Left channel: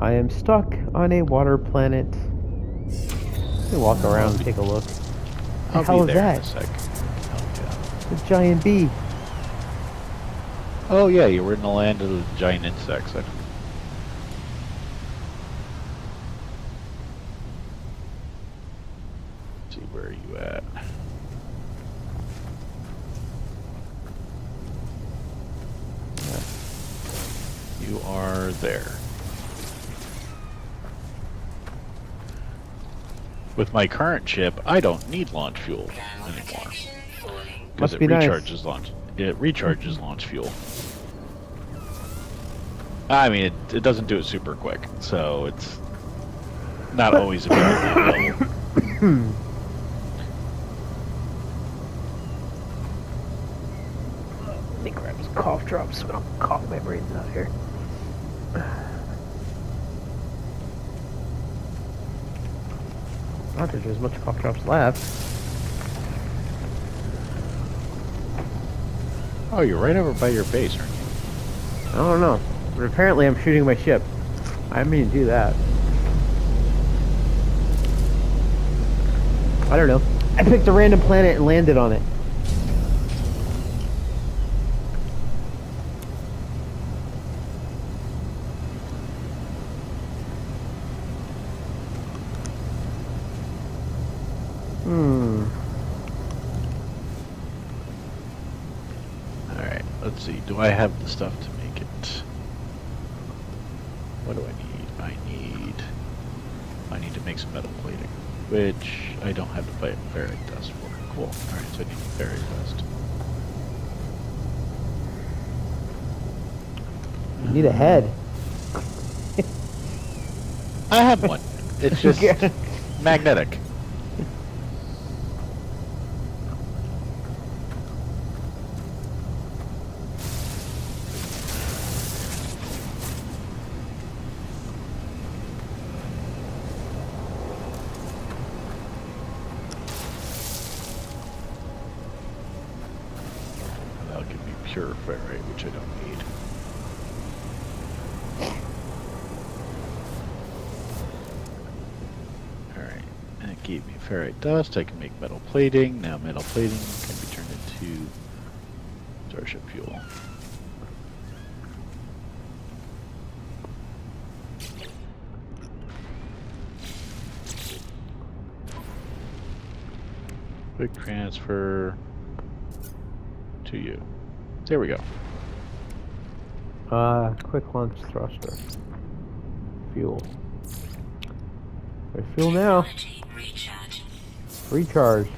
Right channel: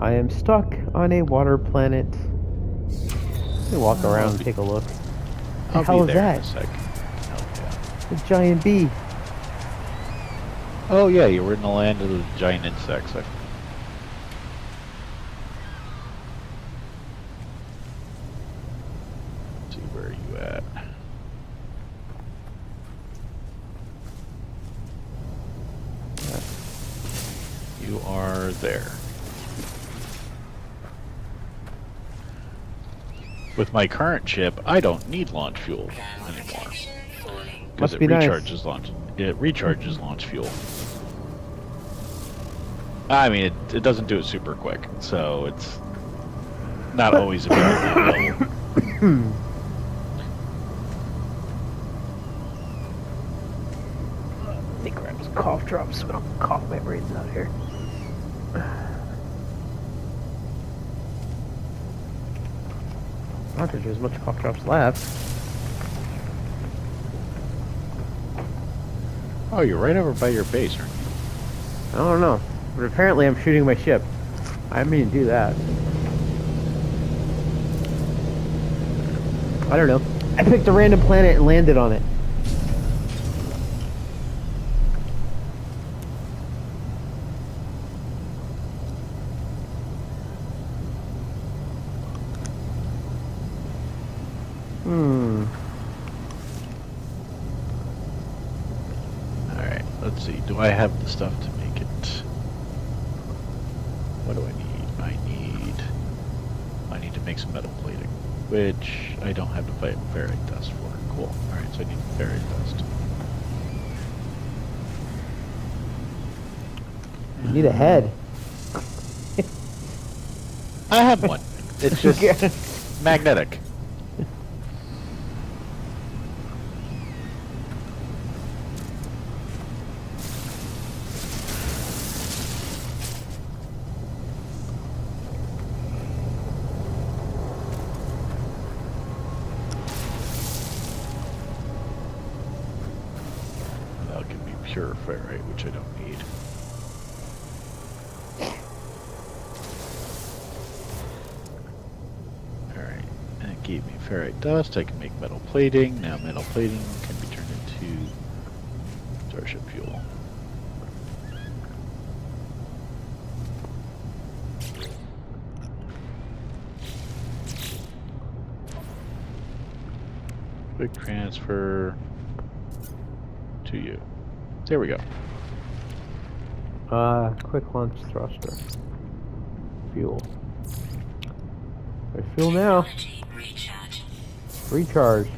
I am stuck on a water planet. Let me walk around and take a look. The I'll hell be is there in that? a sec. Oh, yeah. A giant bee. Oh, yeah, you were in the land of the giant insects. Let's see, where are you at? You are there. With my current ship, I don't need launch fuel anymore. Because it recharges launch fuel. I mean, it doesn't do it super quick, so it's not always immediately available. Let me grab some cough drops so I don't cough my brains out here. I don't think there's much cough drops left. Oh, you're right over by your base, aren't you? I don't know. But apparently I'm shooting my ship. I didn't mean to do that. I don't know. I picked a random planet and landed on it. Alright, let's see. Do I have the stuff to make it? What do I need? I need to make some metal plating, which I don't have the ferrite dust for. Cool. Alright, so I need ferrite dust. You need a head. I have one. It's just magnetic. That'll give me pure ferrite, which I don't need. Alright, and it gave me ferrite dust. I can make metal plating. Now metal plating can be turned into starship fuel. Quick transfer to you. There we go. Quick launch thruster. Fuel. There's fuel now. Recharged.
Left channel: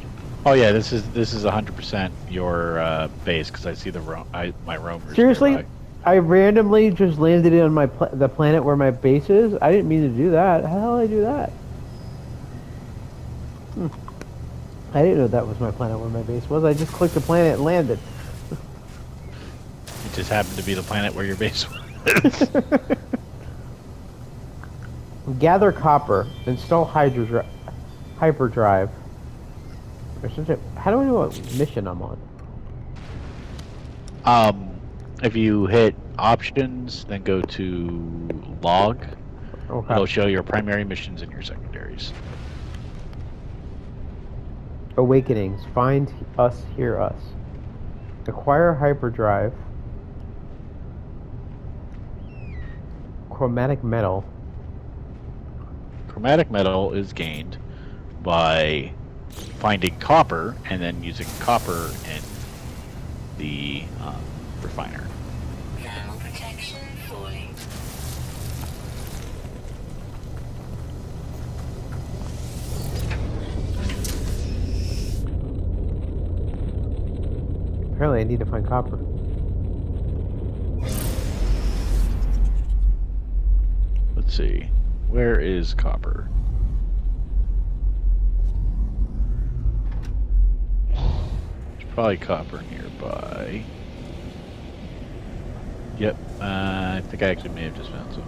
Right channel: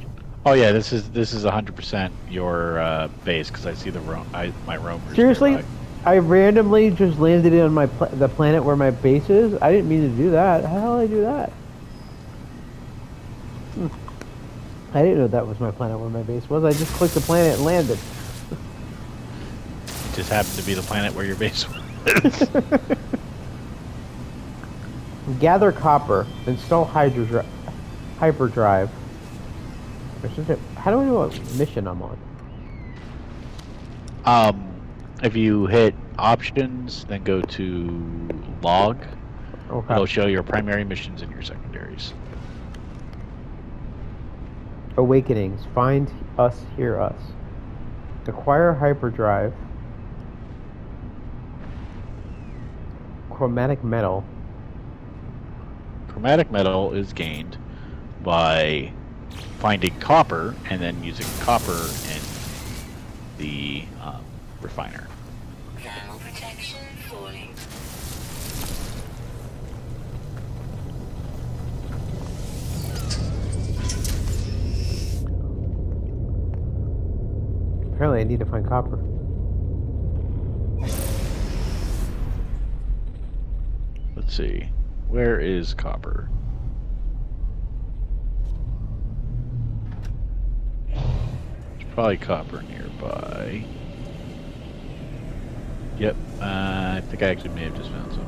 Oh yeah, this is 100% your base because I see my roamers. Seriously, nearby. I randomly just landed on the planet where my base is. I didn't mean to do that. How the hell did I do that? I didn't know that was my planet where my base was. I just clicked the planet and landed. It just happened to be the planet where your base was. Gather copper. Install hyperdrive. How do I know what mission I'm on? If you hit options, then go to log. Okay. It'll show your primary missions and your secondaries. Awakenings. Find us, hear us. Acquire hyperdrive. Chromatic metal. Chromatic metal is gained by finding copper and then using copper in the refiner. Thermal protection falling. Apparently I need to find copper. Let's see. Where is copper? There's probably copper nearby. Yep. I think I actually may have just found some.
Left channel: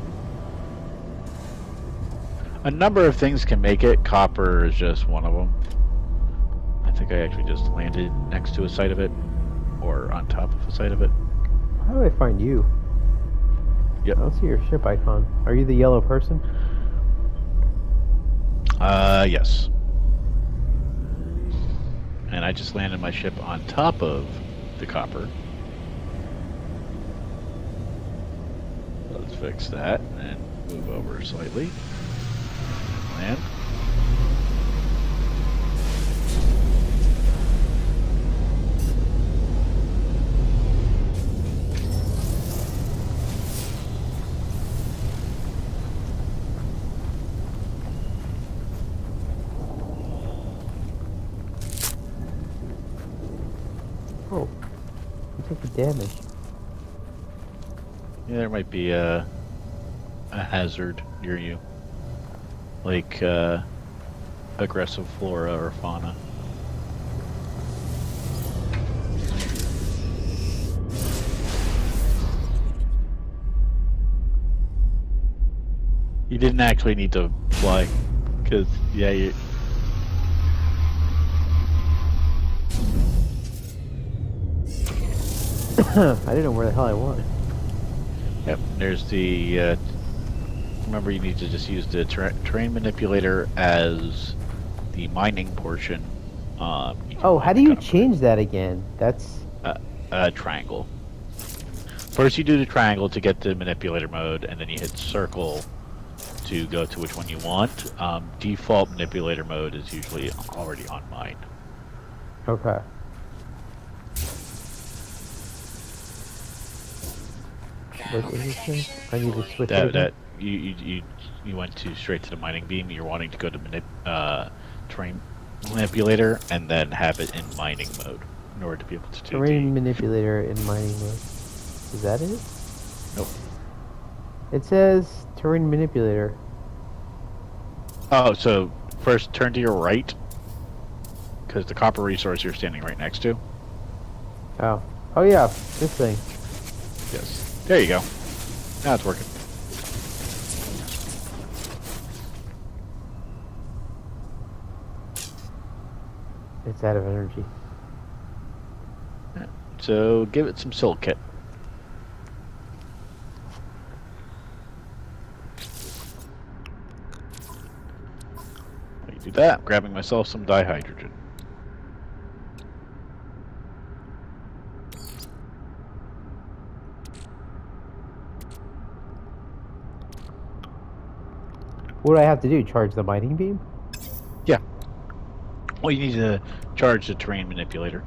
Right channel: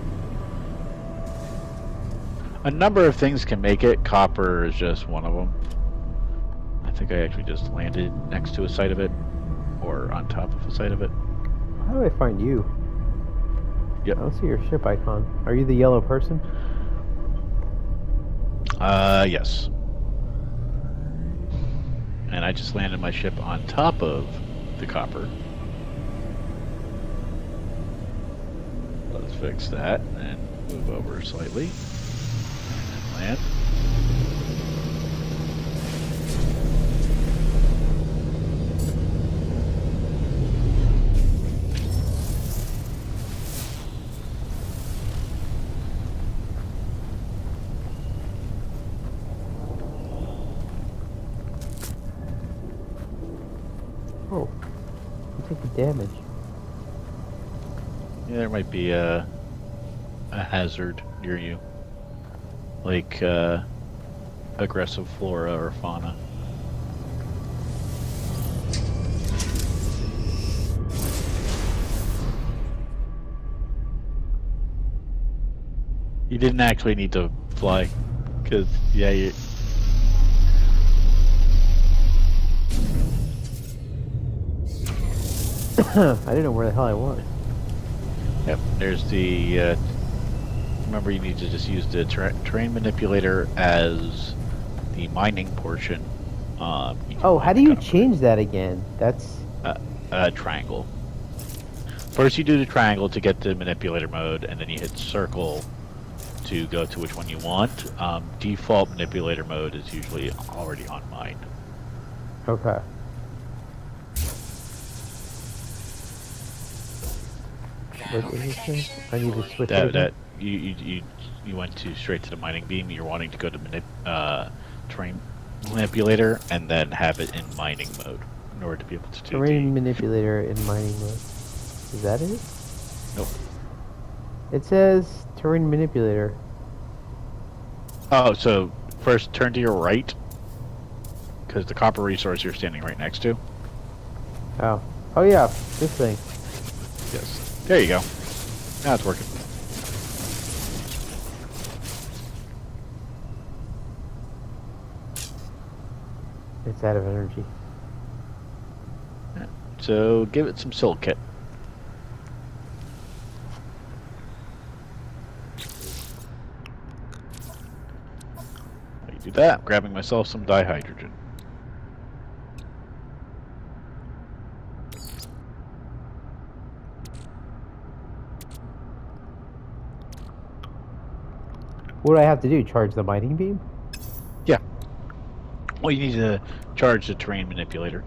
A number of things can make it. Copper is just one of them. I think I actually just landed next to a site of it. Or on top of a site of it. How do I find you? I don't see your ship icon. Are you the yellow person? Yes. And I just landed my ship on top of the copper. Let's fix that and move over slightly. And land. Oh, you take the damage. Yeah, there might be a hazard near you, like aggressive flora or fauna. You didn't actually need to fly, because yeah, you. I didn't know where the hell I was. Yep, there's the. Remember, you need to just use the terrain manipulator as the mining portion. Oh, how do you change that again? That's... triangle. First, you do the triangle to get the manipulator mode, and then you hit circle to go to which one you want. Default manipulator mode is usually already on mine. Okay. What is this thing? I need to switch it again? You went straight to the mining beam. You're wanting to go to terrain manipulator and then have it in mining mode in order to be able to do Terrain manipulator in mining mode. Is that it? Nope. It says terrain manipulator. Oh, so first turn to your right, because the copper resource you're standing right next to. Oh. Oh yeah, this thing. Yes. There you go. Now it's working. It's out of energy. So give it some silicate. While you do that, I'm grabbing myself some dihydrogen. What do I have to do? Charge the mining beam? Yeah. Well, you need to charge the terrain manipulator.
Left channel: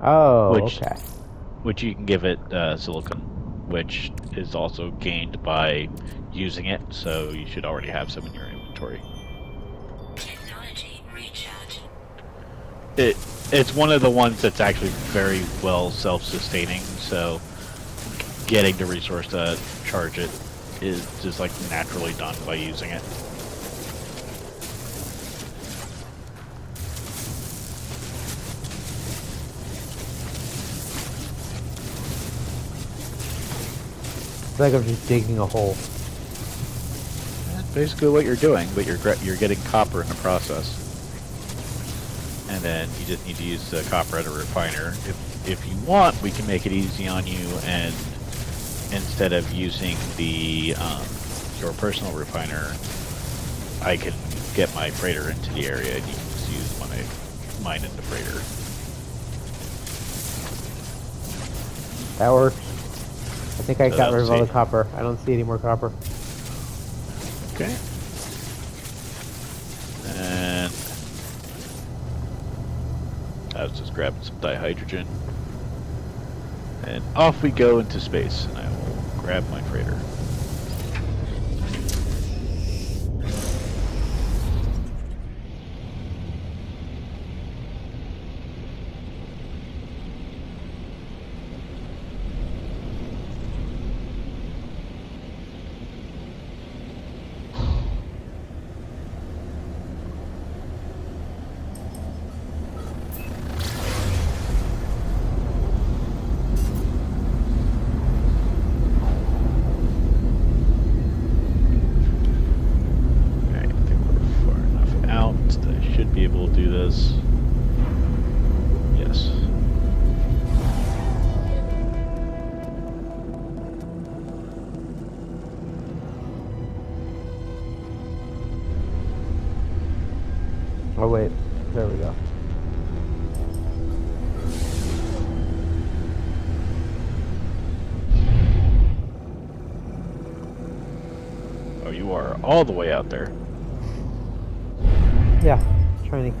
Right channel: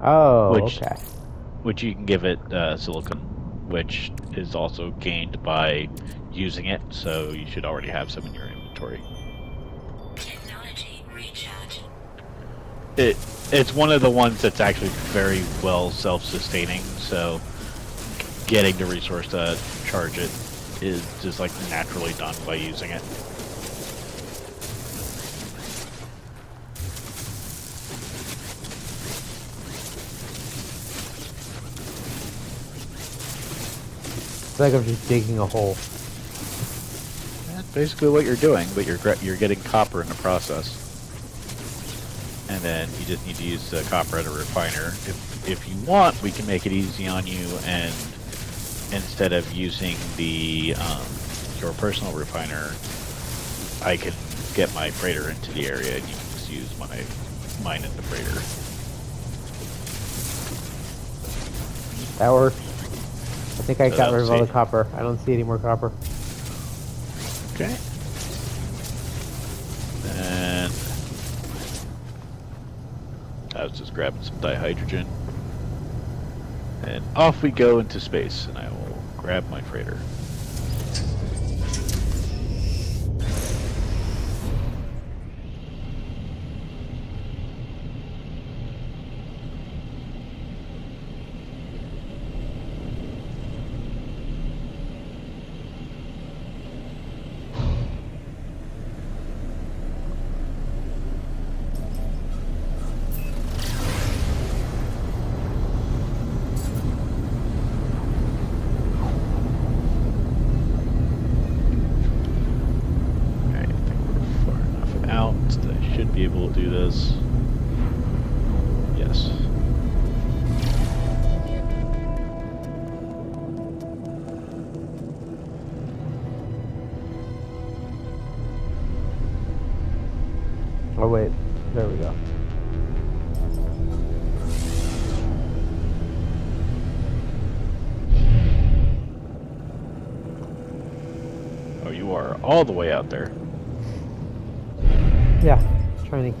Oh, Which- okay. Which you can give it silicon, which is also gained by using it, so you should already have some in your inventory. Technology recharge. It's one of the ones that's actually very well self-sustaining, so getting the resource to charge it is just like naturally done by using it. It's like I'm just digging a hole. That's basically what you're doing, but you're getting copper in the process. And then you just need to use the copper at a refiner. If you want, we can make it easy on you, and instead of using the your personal refiner, I can get my freighter into the area, and you can just use mine in the freighter. That works. I think I So got rid of all the see. copper. I don't see any more copper. Okay. And I was just grabbing some dihydrogen. And off we go into space, and I will grab my freighter. Okay, I think we're far enough out that I should be able to do this. Yes. Oh wait, there we go. Oh, you are all the way out there. Yeah, trying to.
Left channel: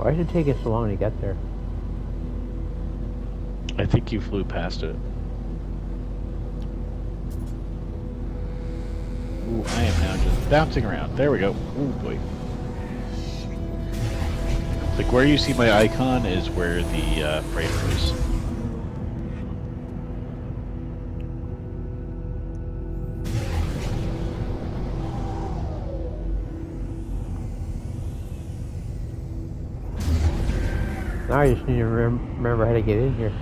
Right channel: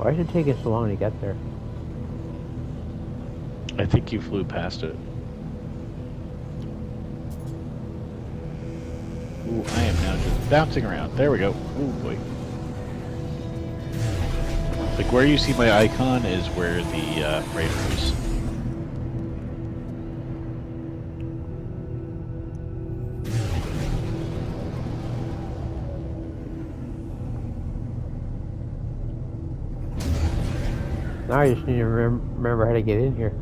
Why did it take us so long to get there? I think you flew past it. Ooh, I am now just bouncing around. There we go. Ooh, boy. It's like where you see my icon is where the freighter is. Now I just need to remember how to get in here.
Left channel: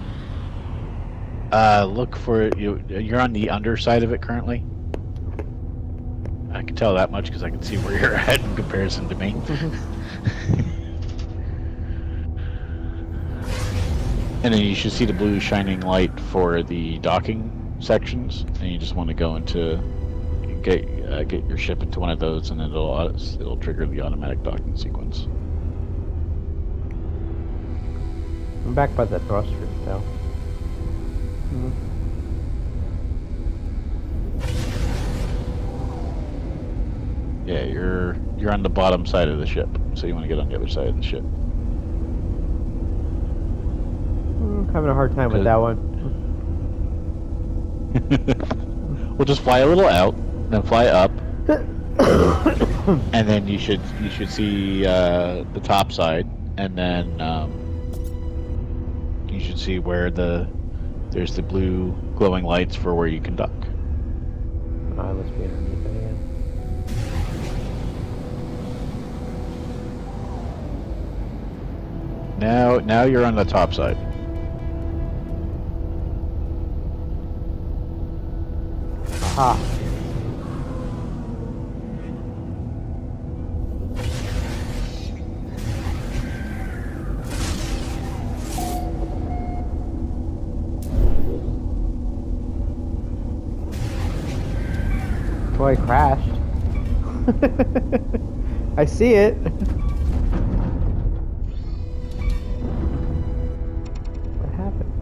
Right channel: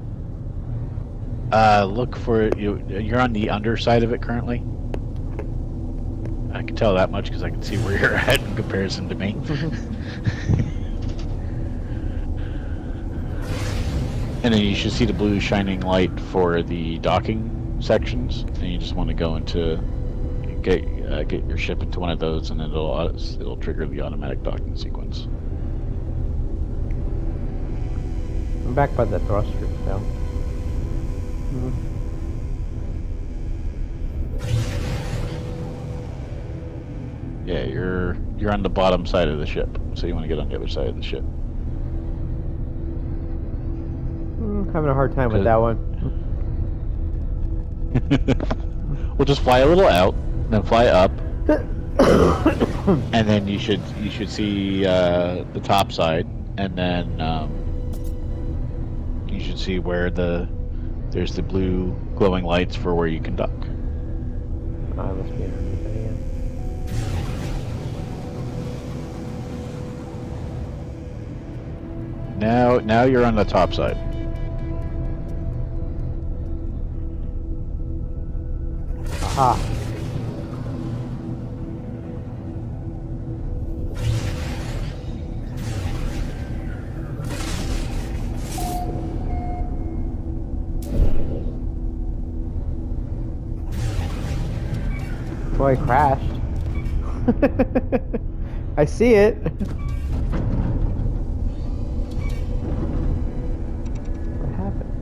Look for you. You're on the underside of it currently. I can tell that much because I can see where you're at in comparison to me. And then you should see the blue shining light for the docking sections, and you just want to go into get your ship into one of those, and it'll trigger the automatic docking sequence. I'm back by the thruster though. Yeah, you're on the bottom side of the ship, so you want to get on the other side of the ship. Having a hard time with that one. We'll just fly a little out, then fly up, and then you should see the top side, and then you should see where there's the blue glowing lights for where you can dock. I must be underneath it again. Now you're on the top side. Aha. Boy, I crashed. I see it. What happened?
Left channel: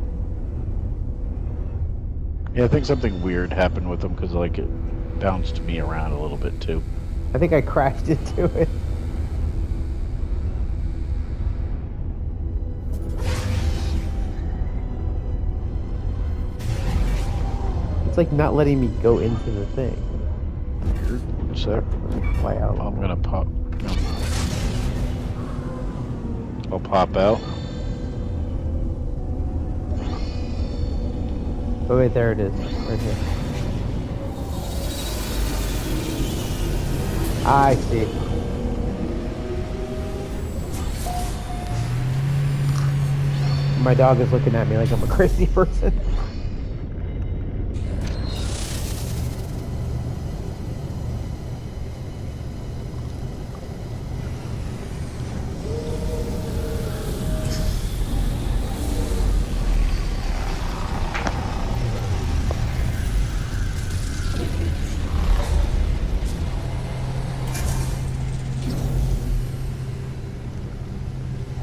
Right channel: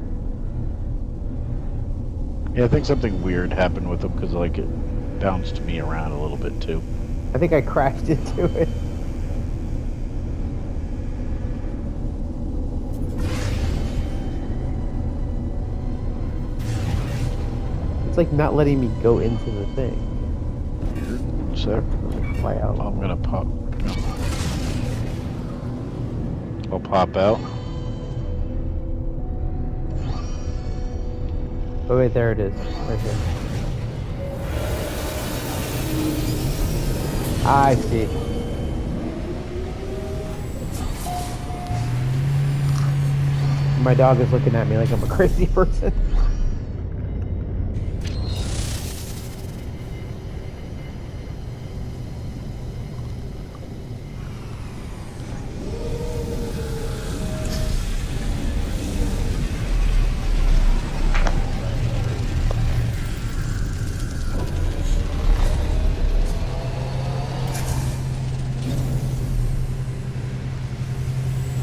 Yeah, I think something weird happened with them because like it bounced me around a little bit too. I think I crashed into it. It's like not letting me go into the thing. Weird. So Let me fly out. I'm gonna pop. I'll pop out. Oh wait, there it is, right here. I see. My dog is looking at me like I'm a crazy person.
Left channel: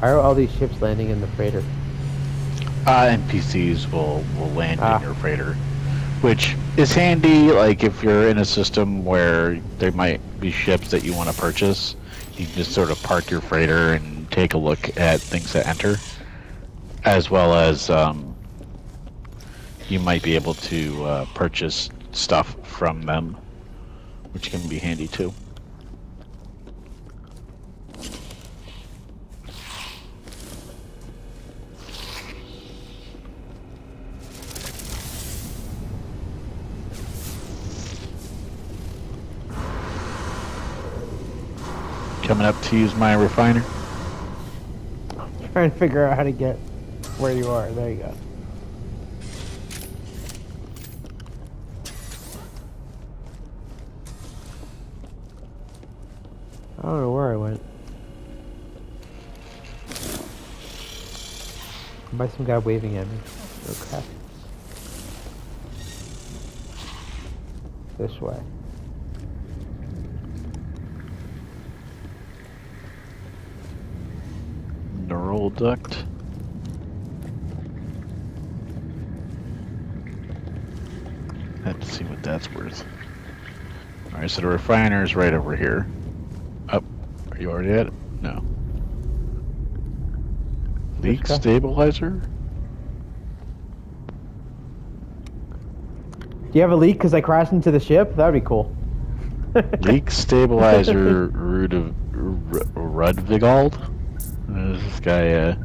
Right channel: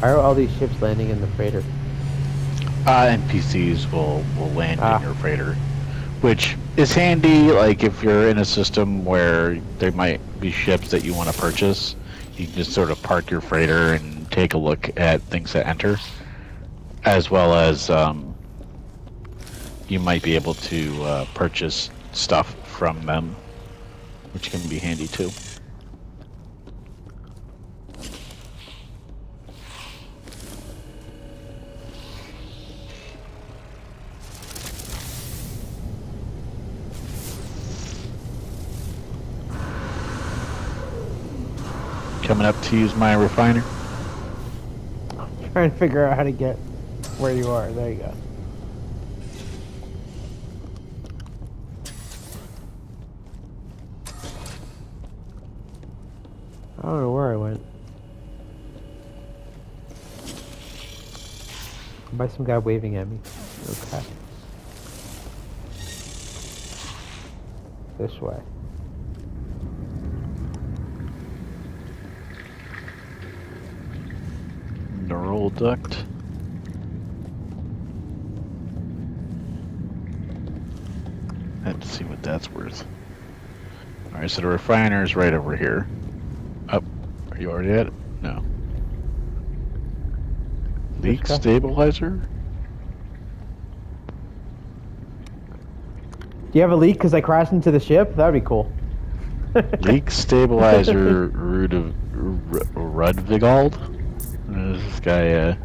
Why are all these ships landing in the freighter? NPCs will land in your freighter, which is handy. Like if you're in a system where there might be ships that you want to purchase, you can just sort of park your freighter and take a look at things that enter, as well as you might be able to purchase stuff from them, which can be handy too. Coming up to use my refiner. Trying to figure out how to get where you are. There you go. I don't know where I went. By some guy waving at me. Okay. This way. Neural duct. Let's see what that's worth. Alright, so the refiner is right over here. Up. Are you already at it? No. Leak guy? stabilizer? Do you have a leak because I crashed into the ship? That would be cool. Leak stabilizer Rudvigald? This guy,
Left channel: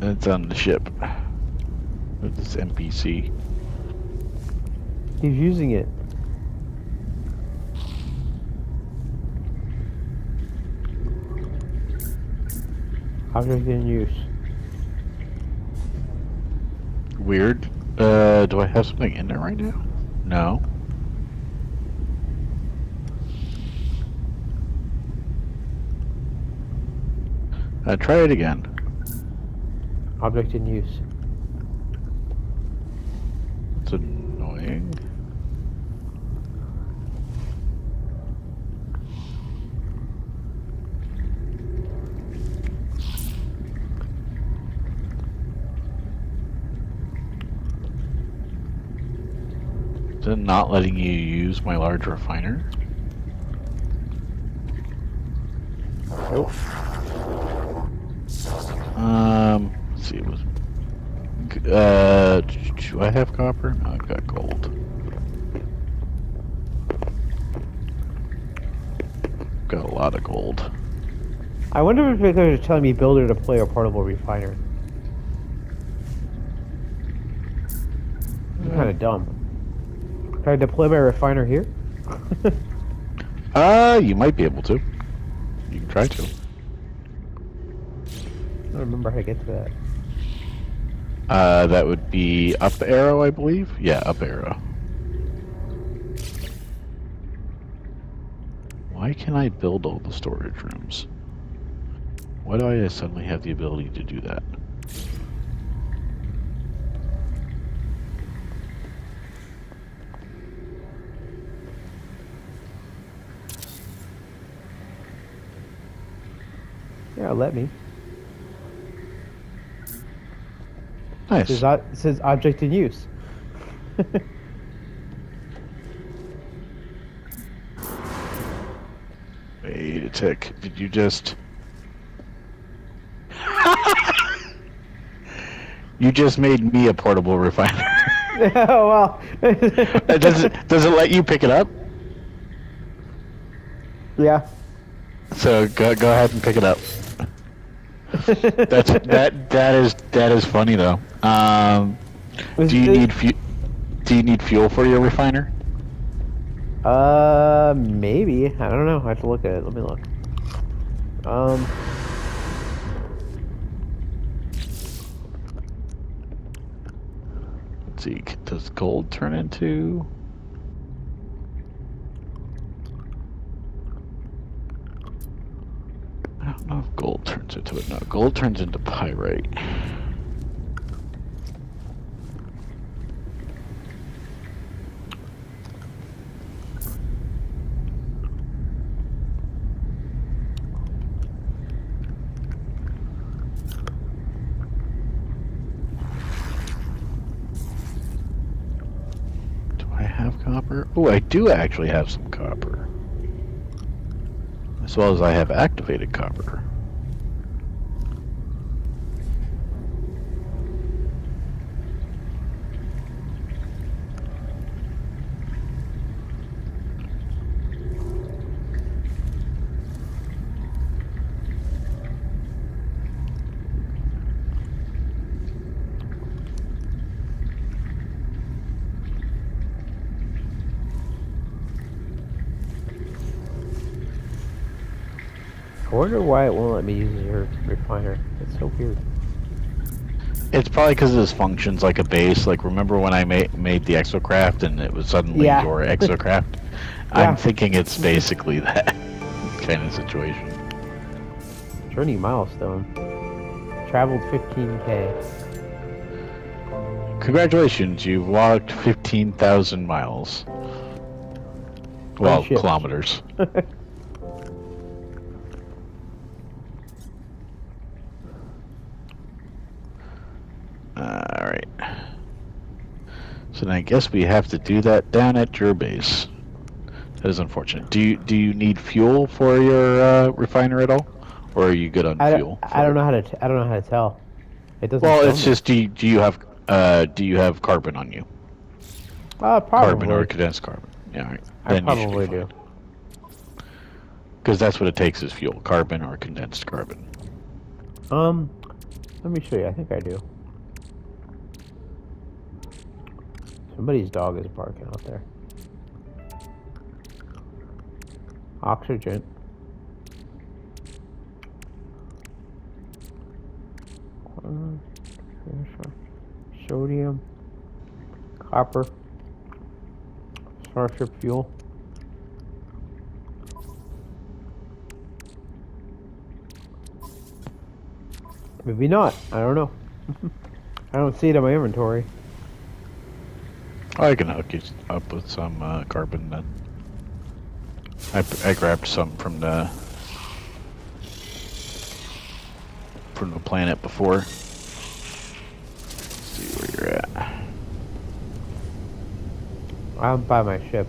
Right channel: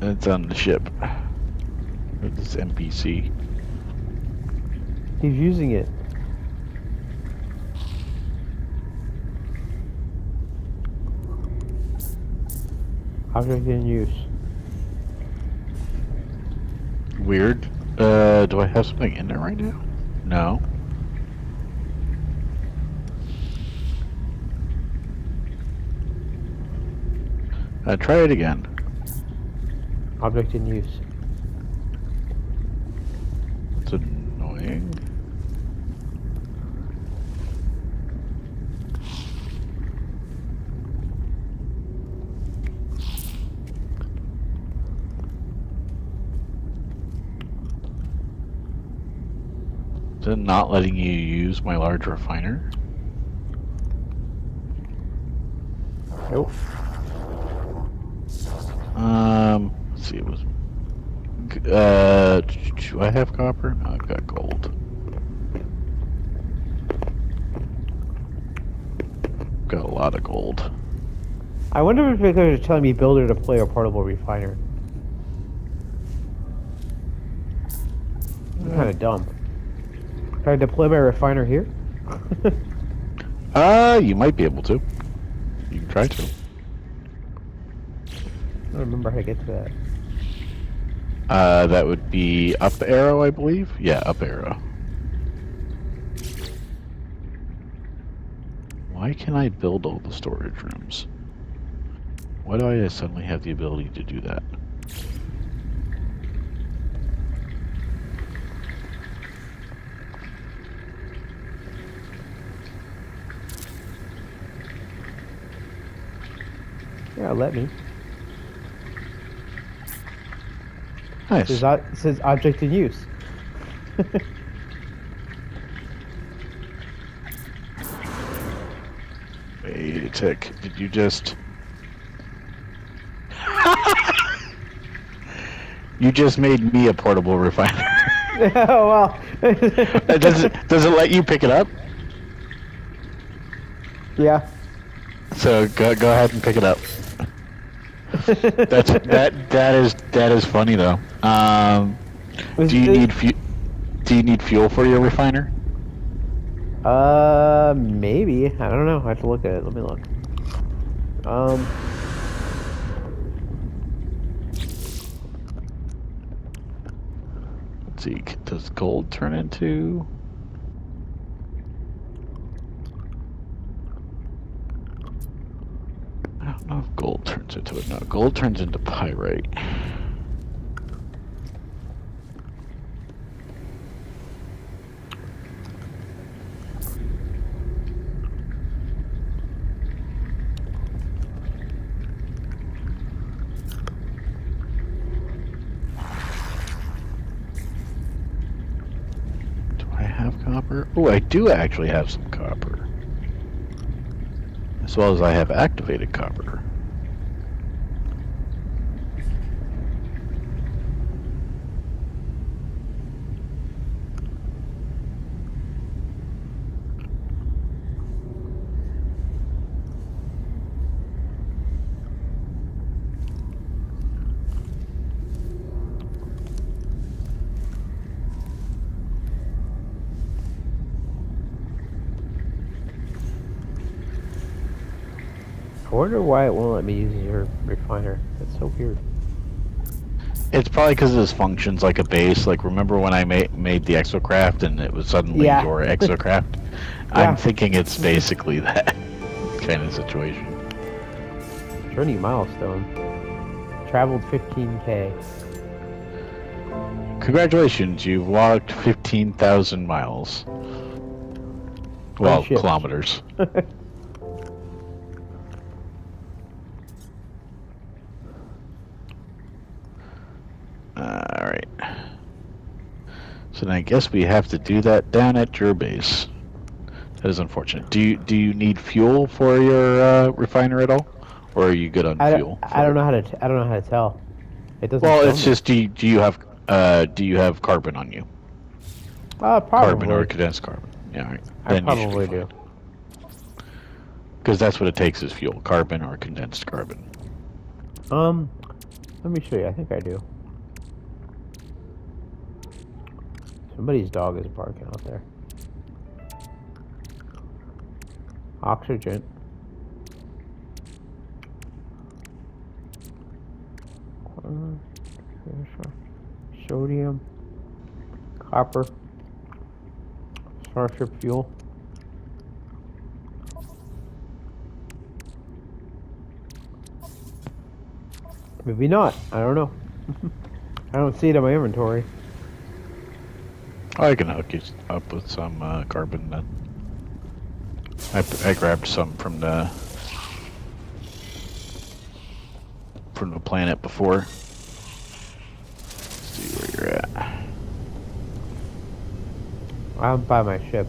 it's on the ship. This NPC. He's using it. Object in use. Weird. Do I have something in there right now? No. Try it again. Object in use. It's annoying. Is it not letting you use my large refiner? Nope. Let's see, it was. Do I have copper? No, I've got gold. Got a lot of gold. I wonder if they're telling me builder to play a portable refiner. I'm kind of dumb. Can I deploy my refiner here? You might be able to. You can try to. I don't remember how to get to that. That would be up arrow, I believe. Yeah, up arrow. Why can I build all the storage rooms? Why do I suddenly have the ability to do that? Yeah, let me. Nice. It says object in use. Wait a tick. Did you just... You just made me a portable refiner. Oh, well. does it let you pick it up? Yeah. So go ahead and pick it up. That is funny though. Do you need fuel for your refiner? Maybe. I don't know. I have to look at it. Let me look. Let's see. Does gold turn into? I don't know if gold turns into it. No, gold turns into pyrite. Do I have copper? Oh, I do actually have some copper. As well as I have activated copper. I wonder why it won't let me use your refiner. It's so weird. It's probably because this functions like a base. Like, remember when I made the exocraft and it was suddenly Yeah. your exocraft? Yeah. I'm thinking it's basically that kind of situation. Journey milestone. Traveled 15K. Congratulations, you've walked 15,000 miles. Well, Friendship. kilometers. Alright. So then I guess we have to do that down at your base. That is unfortunate. Do you need fuel for your refiner at all, or are you good on fuel? I don't know how to. I don't know how to tell. It doesn't. Well, tell it's me. just do you have carbon on you? Probably. Carbon or condensed carbon. Yeah, all right. I probably do. Because that's what it takes is fuel, carbon or condensed carbon. Let me show you. I think I do. Somebody's dog is barking out there. Oxygen. Sodium. Copper. Starship fuel. Maybe not. I don't know. I don't see it in my inventory. I can hook you up with some carbon then. I grabbed some from the planet before. Let's see where you're at. I'm by my ship.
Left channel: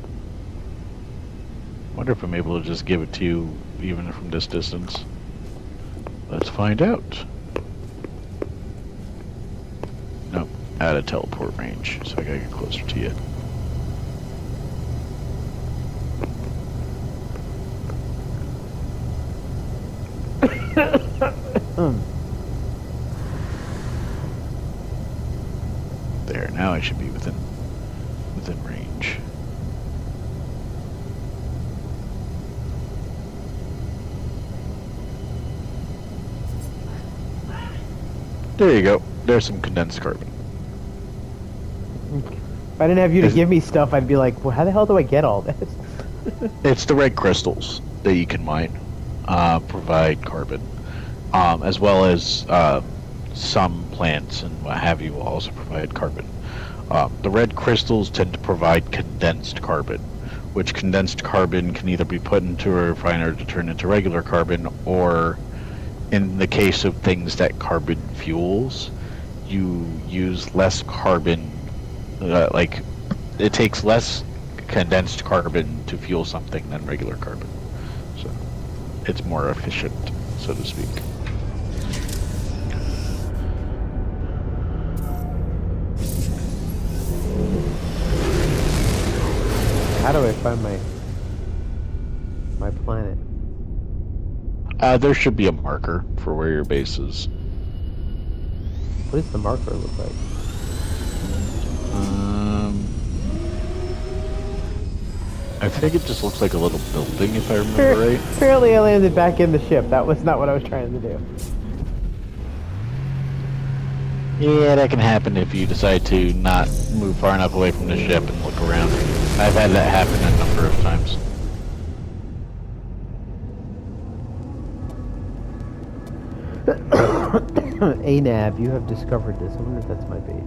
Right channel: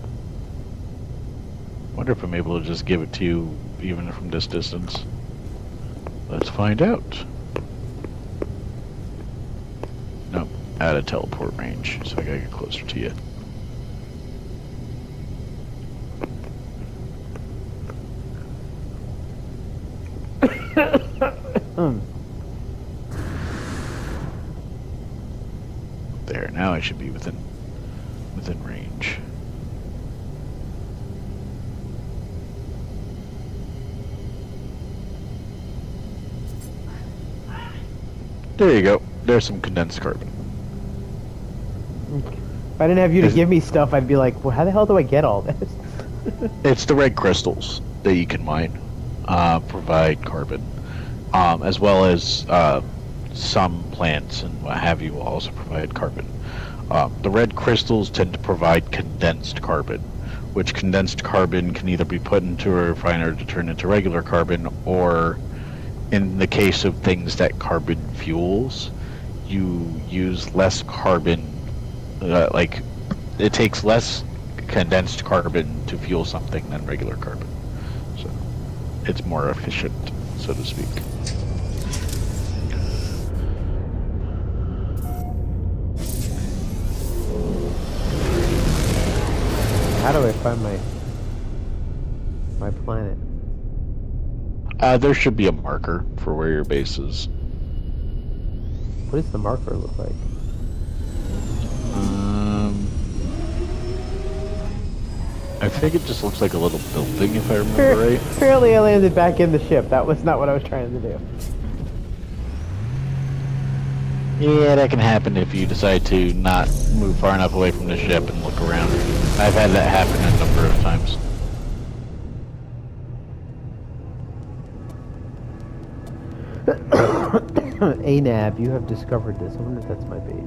Wonder if I'm able to just give it to you even from this distance. Let's find out. Nope, out of teleport range, so I gotta get closer to you. There, now I should be within range. There you go. There's some condensed carbon. If I didn't have you to give me stuff, I'd be like, well, how the hell do I get all this? It's the red crystals that you can mine, provide carbon, as well as some plants and what have you will also provide carbon. The red crystals tend to provide condensed carbon, which condensed carbon can either be put into a refiner to turn into regular carbon, or in the case of things that carbon fuels, you use less carbon, like it takes less condensed carbon to fuel something than regular carbon. So it's more efficient, so to speak. How do I find my planet? There should be a marker for where your base is. What does the marker look like? I think it just looks like a little building, if I remember right. Apparently I landed back in the ship. That was not what I was trying to do. Yeah, that can happen if you decide to not move far enough away from the ship and look around. I've had that happen a number of times. ANAV, you have discovered this. I wonder if that's my base.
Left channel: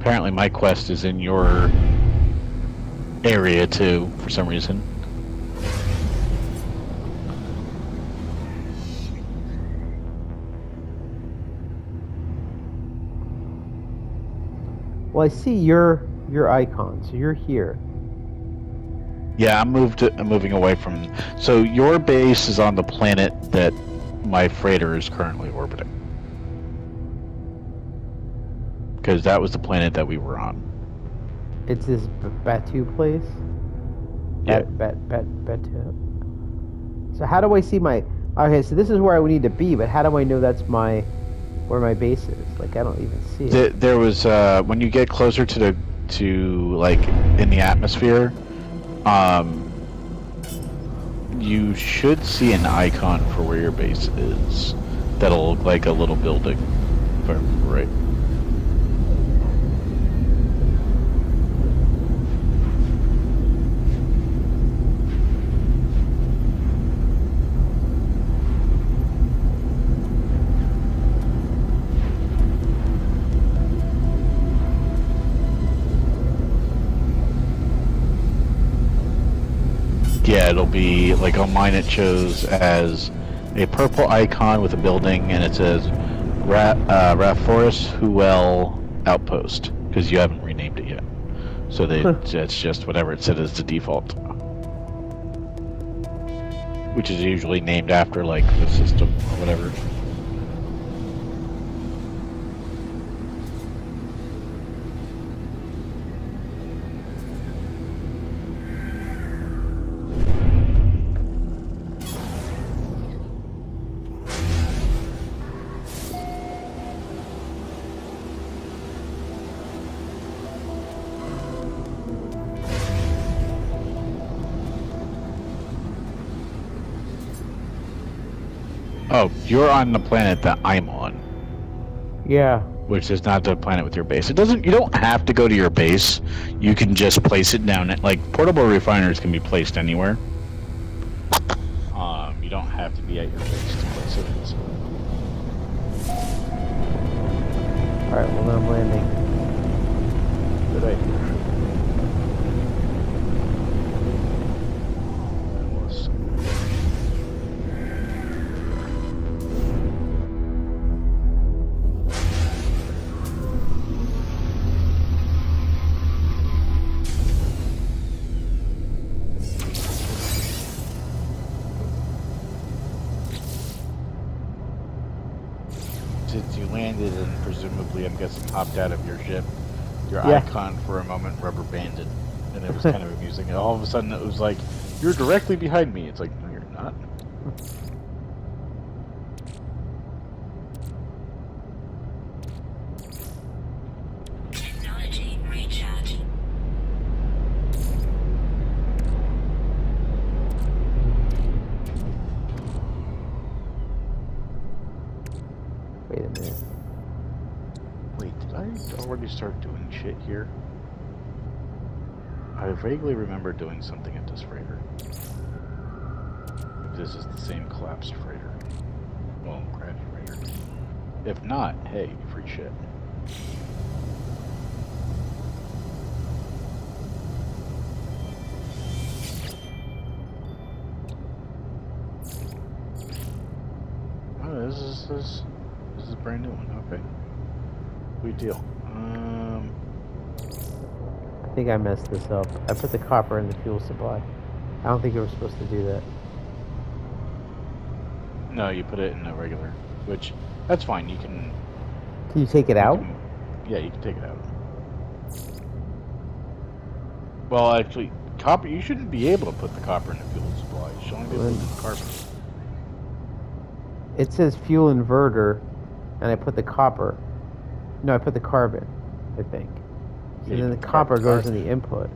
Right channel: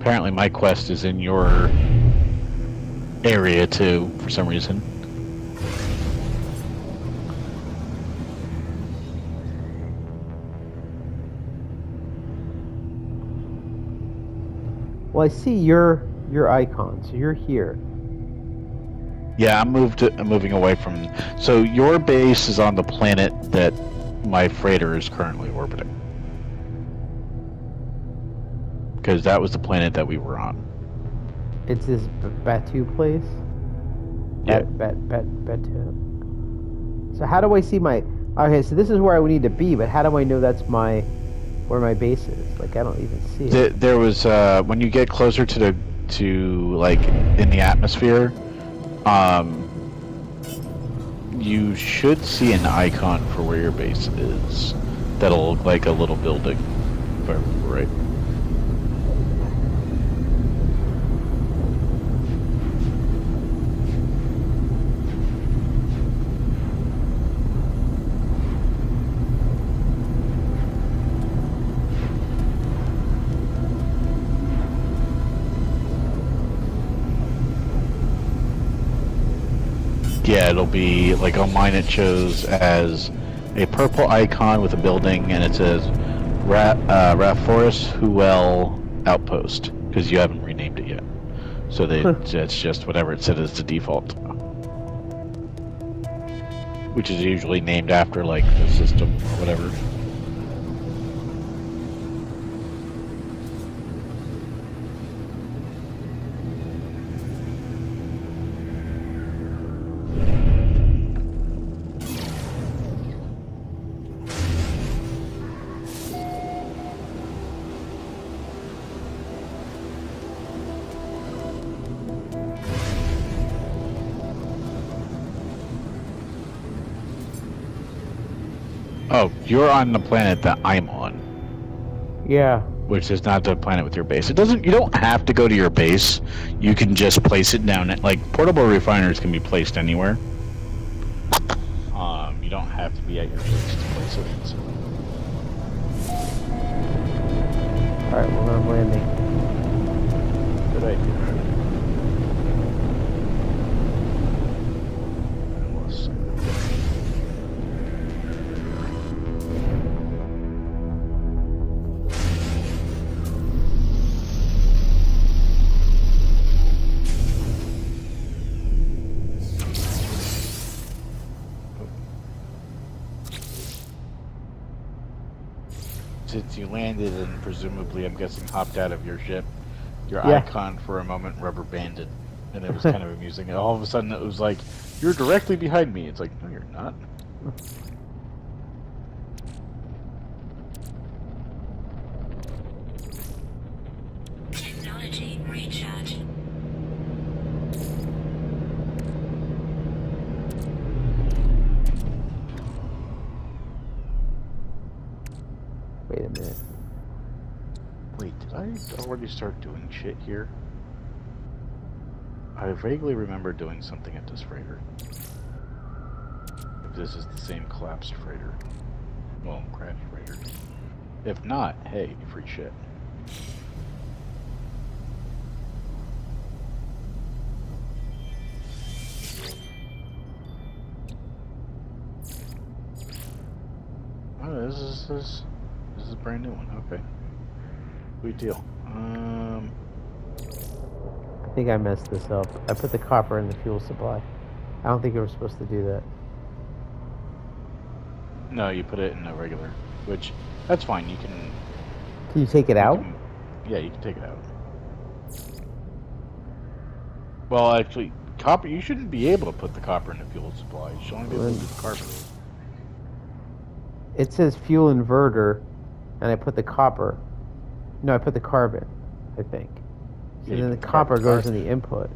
Apparently my quest is in your area too, for some reason. Well, I see your icon, so you're here. Yeah, I'm moving away from. So your base is on the planet that my freighter is currently orbiting, because that was the planet that we were on. It's this Batu place? Yeah. Batu. So how do I see my... Okay, so this is where I would need to be, but how do I know that's where my base is? Like, I don't even see it. There was when you get closer to You should see an icon for where your base is. That'll look like a little building, if I remember right. Yeah, it'll be like on mine. It shows as a purple icon with a building, and it says Raforest Huel Outpost because you haven't renamed it yet. So it's just whatever it said as the default, which is usually named after like the system or whatever. Oh, you're on the planet that I'm on. Yeah. Which is not the planet with your base. It doesn't. You don't have to go to your base. You can just place it down. Like portable refiners can be placed anywhere. You don't have to be at your base to place it. So. All right. Well, then I'm landing. Good idea. Since you landed and presumably, I'm guessing, hopped out of your ship, your icon for a moment rubber banded, and it was kind of amusing. And all of a sudden, it was like, "You're directly behind me." It's like, no, you're not. Technology recharge. Wait a minute. Wait, did I already start doing shit here? I vaguely remember doing something at this freighter. If this is the same collapsed freighter. Well, crashed freighter. If not, hey, free shit. Oh, this is a brand new one. Okay. Sweet deal. I think I messed this up. I put the copper in the fuel supply. I don't think you were supposed to do that. No, you put it in a regular, which that's fine. You can. Can you take it out? Yeah, you can take it out. Well, actually, copper. You shouldn't be able to put the copper in the fuel supply. You should only be able to do the carbon. It says fuel inverter, and I put the copper. No, I put the carbon, I think. So then the copper goes in the input.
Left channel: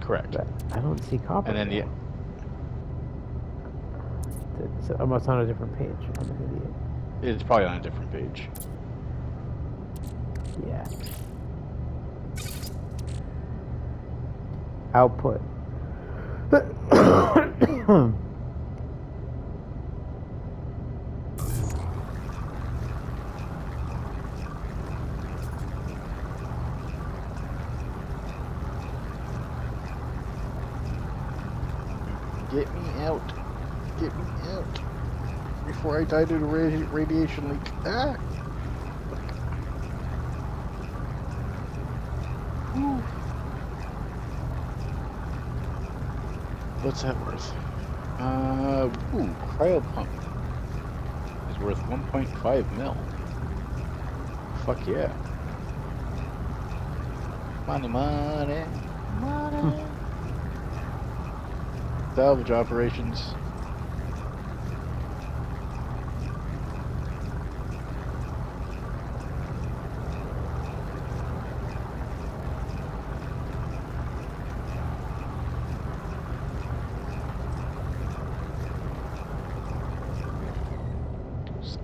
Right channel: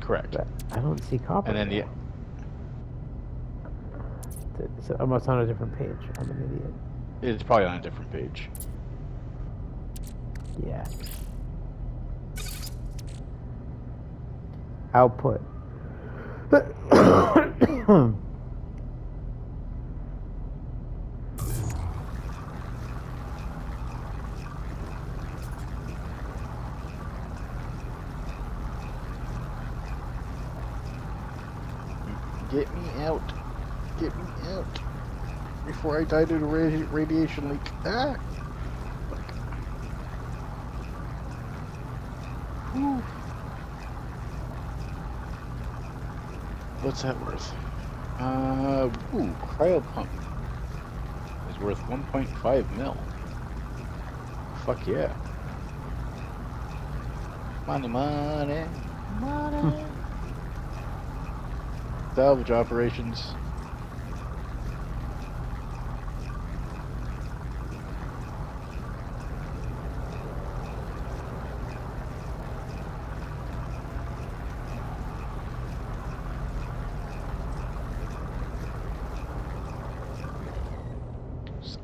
Correct. But I don't see copper. And then the. So I'm on a different page. I'm an idiot. It's probably on a different page. Yeah. Output. Get me out. Get me out. Before I die due to radiation leak. Ah! Whew. What's that worth? Cryo pump is worth 1.5 mil. Fuck yeah. Money, money, money. Salvage operations.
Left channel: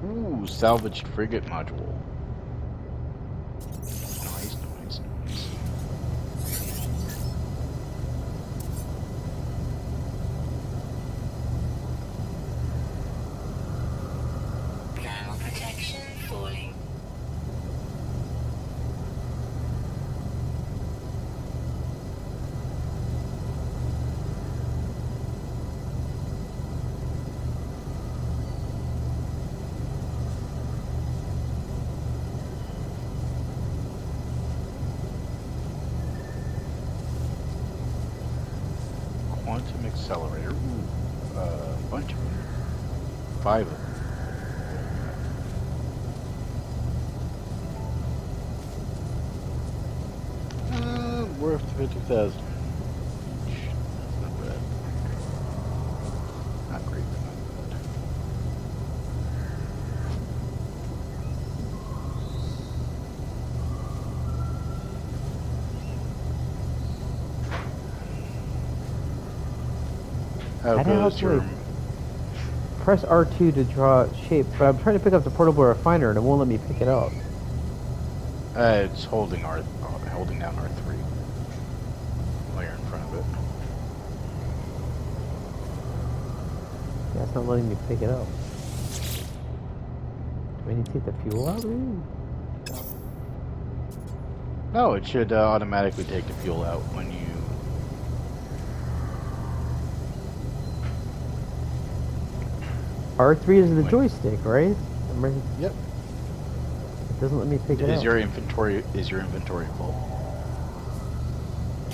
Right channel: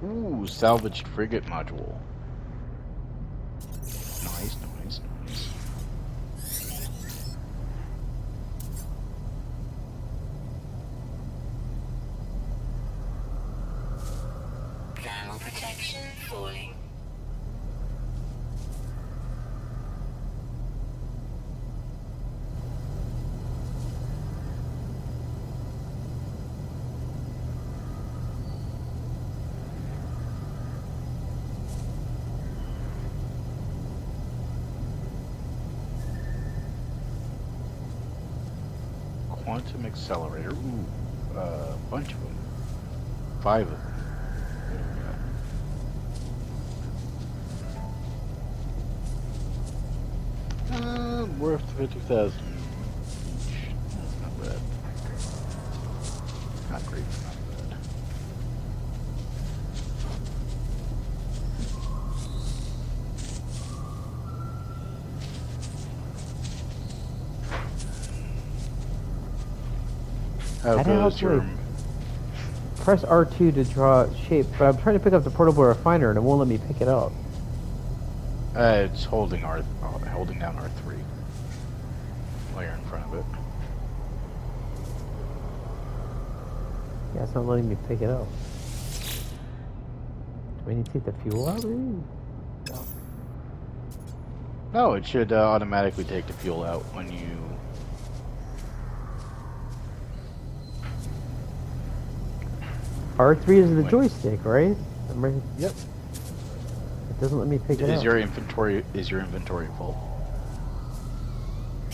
Ooh, salvaged frigate module. Nice, nice, nice. Thermal protection falling. Quantum accelerator. Ooh, bunch of them. 5 of them. Worth 50,000 each. That's not bad. Not great, but not bad. How I'd have goes to, your... like, press R2 to draw shape, but I'm trying to pick up the portable refiner and it won't let me pick it up. it's holding down R3. While you're in front of it. Yeah, it's not letting me pick it up. Do I need to take the fuel out, maybe? No, it should automatically take the fuel out when you... R3 is the joystick, right? Yep. It doesn't let me pick it up. Is your inventory full? I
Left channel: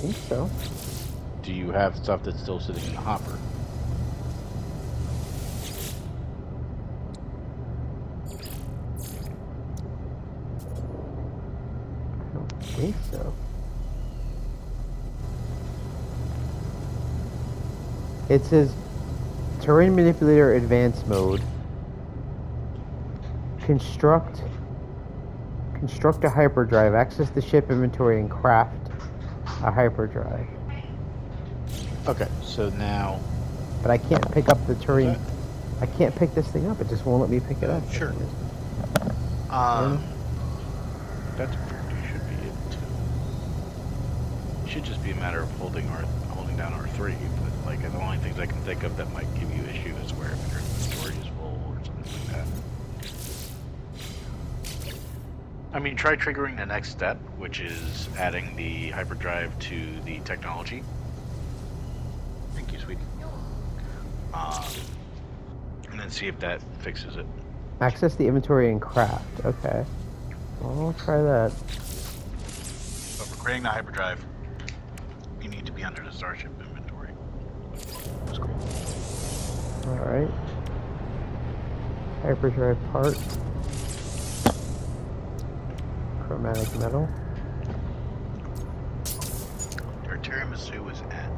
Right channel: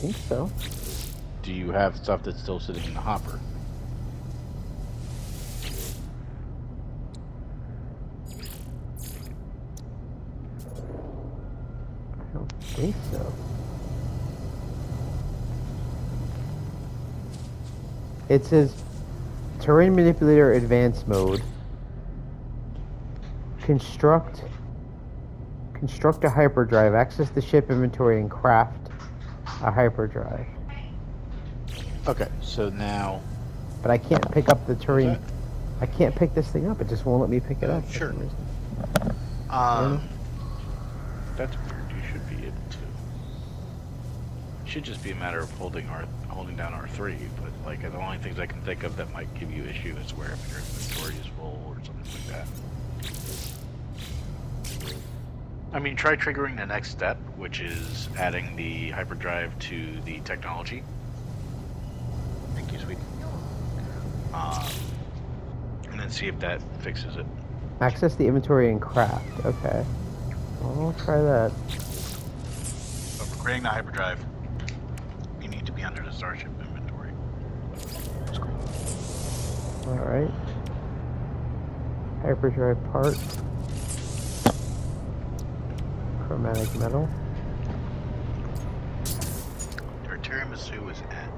think so. Do you have stuff that's still sitting in the hopper? I don't think so. It says terrain manipulator advanced mode. Construct a hyperdrive. Access the ship inventory and craft a hyperdrive. Okay, so now... But I can't pick up the terrain. I can't pick this thing up. It just won't let me pick it up. Sure. For some reason. That's weird. You should be able to. It should just be a matter of holding down R3, but like the only things I can think of that might give you issue is where if your inventory is full or something like that. I mean, try triggering the next step, which is adding the hyperdrive to the technology. Thank you, sweet. And then see if that fixes it. Access the inventory and craft. Okay. Well, I'll try that. But for creating the hyperdrive, you need to be under the Starship inventory screen. Alright. Hyperdrive part. Chromatic metal. Your tiramisu is at.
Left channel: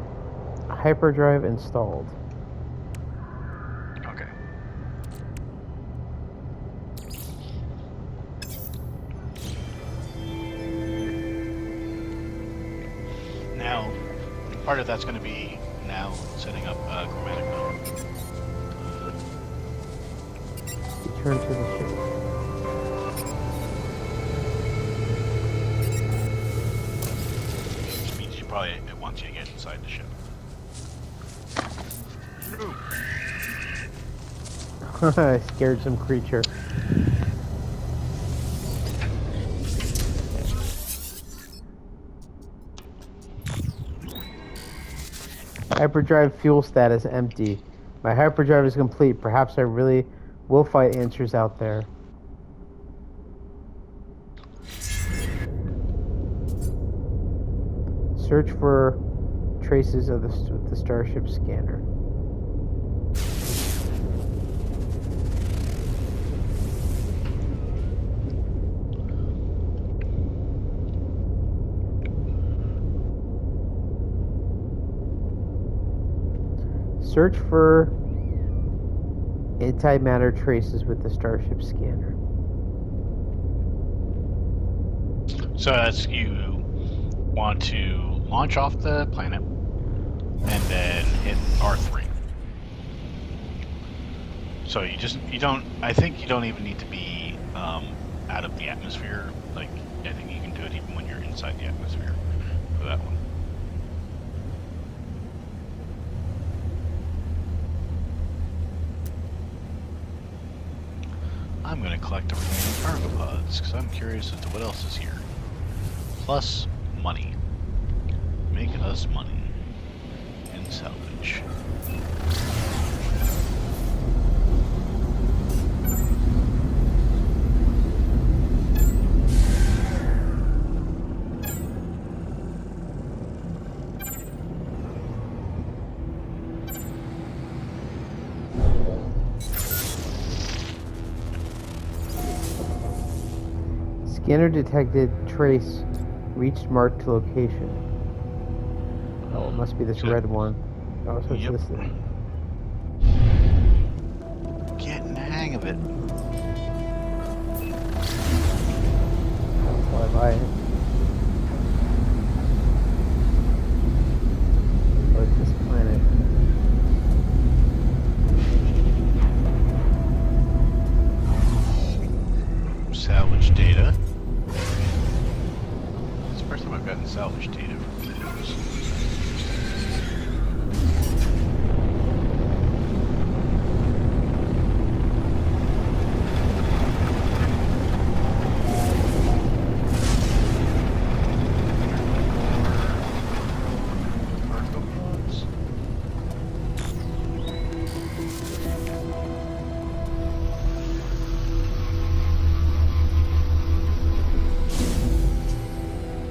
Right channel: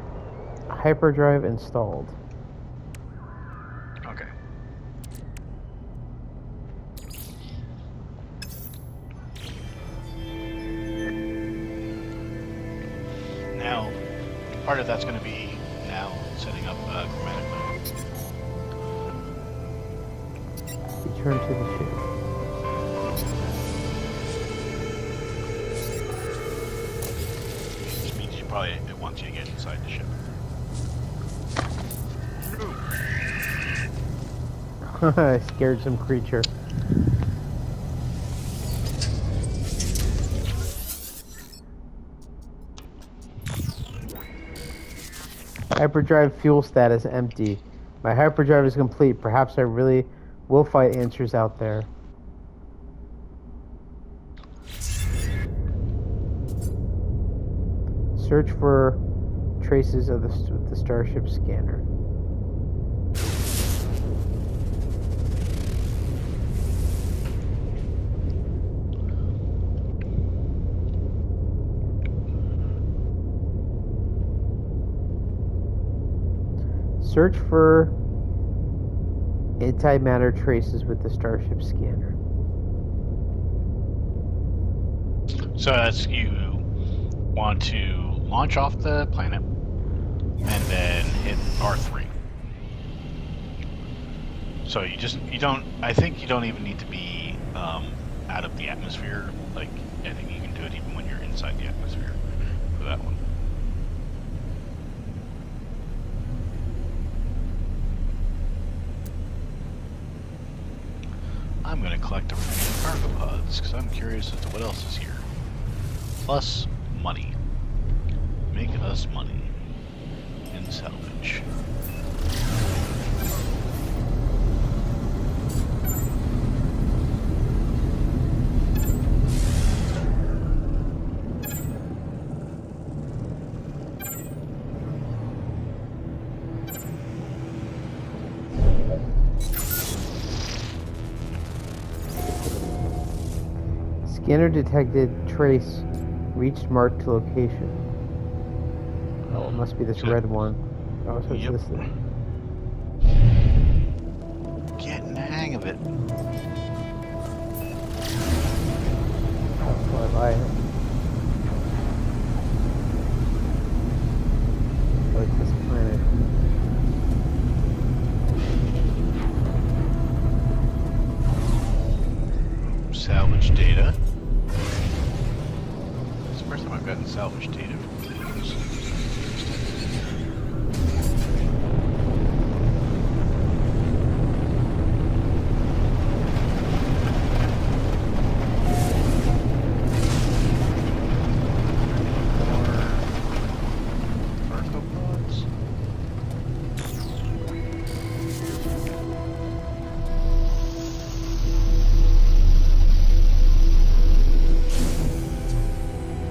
Hyperdrive installed. Okay. Now, part of that's going to be now setting up chromatic metal. Return to the ship. Which means it wants you to get inside the ship. I scared some creature. Hyperdrive fuel status empty. My hyperdrive is complete. Perhaps I really will find answers out there. Search for traces of the Starship scanner. Search for antimatter traces with the Starship scanner. So that's you want to launch off the planet and then hit R3. So you don't. I think you don't even need to be out of the atmosphere. Like I think you can do it even when you're inside the atmosphere for that one. I'm going to collect the remaining cargo pods because I'm curious as to what else is here. Plus money. Make us money in salvage. Scanner detected trace reached marked location. Oh, it must be this So- red one. Oh, so it's Yep. this thing. Getting the hang of it. I'll fly by it. Oh, it's this planet. Salvage data. It's the first time I've gotten salvage data from things. More cargo pods.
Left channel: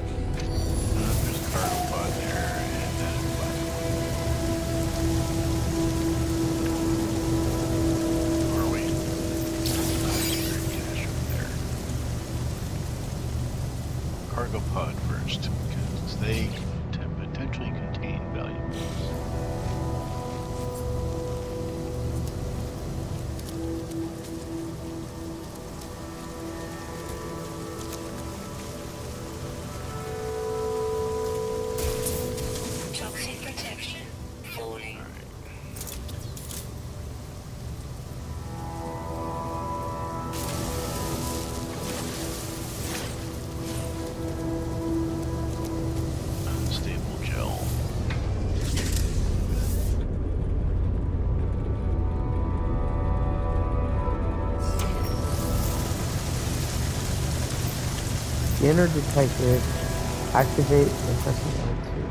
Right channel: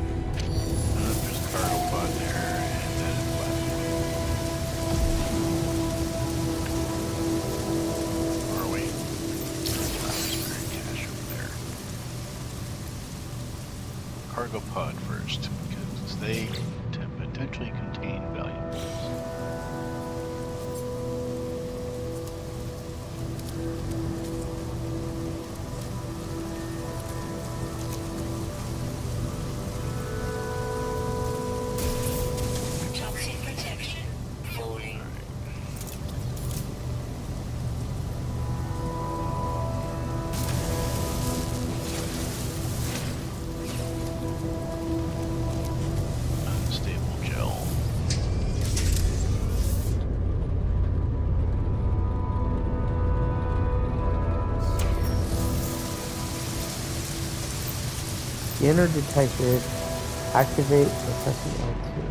There's a cargo pod there, and that is the last one. Or wait, there's buried cash over there. Cargo pod first, because they can potentially contain valuables. Toxic protection falling. Unstable gel. Scanner detected. Activate by pressing L2.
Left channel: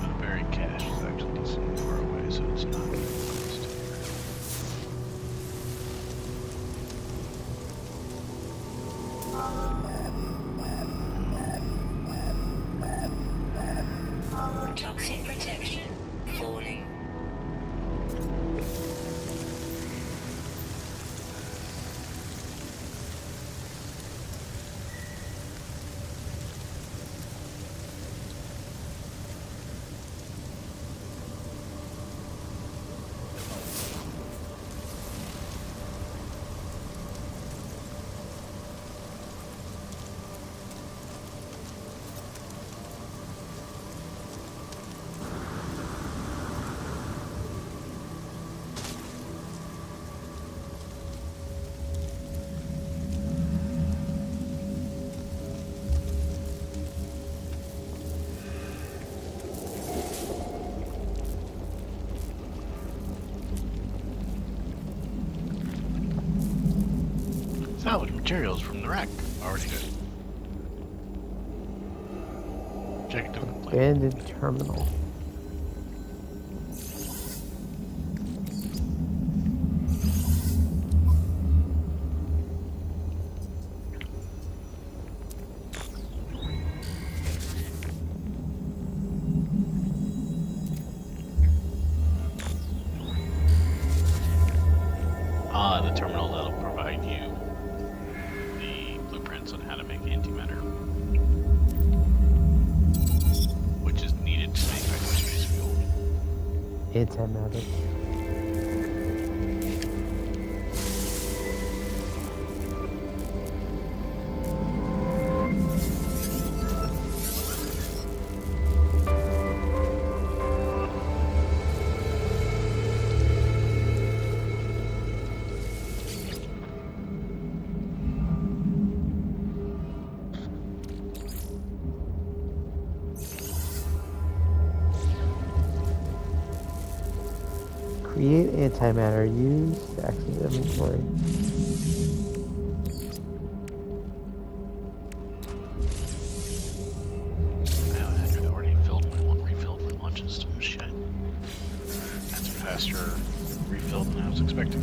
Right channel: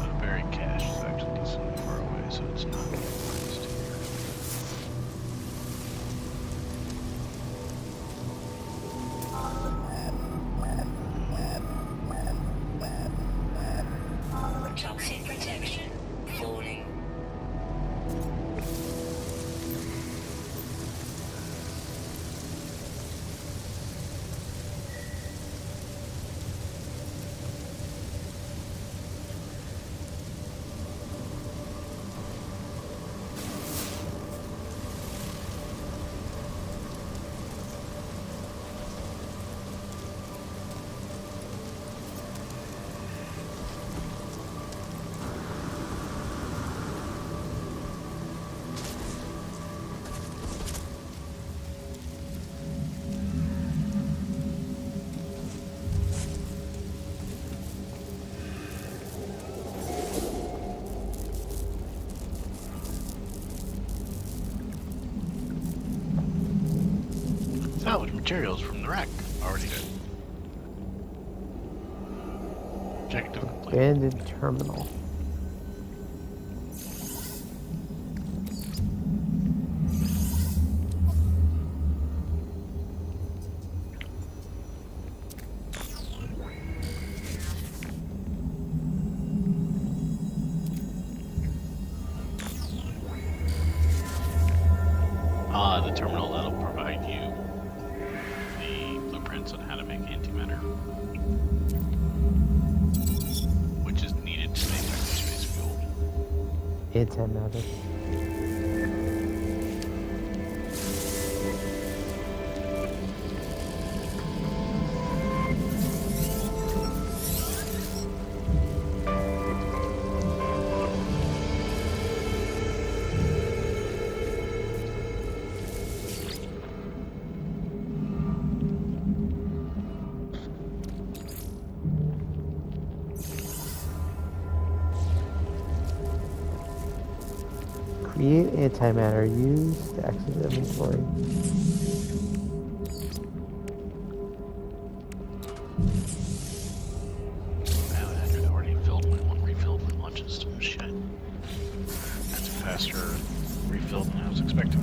The buried cache is actually decently far away, so it's not getting close to here. Toxic protection falling. Salvage materials from the wreck. Already did. Objective complete. Abandoned terminal. The terminal that'll provide you the blueprints on how to make antimatter, which is needed to make hyperspace fuel. Antimatter. Create antimatter. Use to access inventory. Wow, I already refilled my launch system. Shit. That's a faster refill than I was expecting.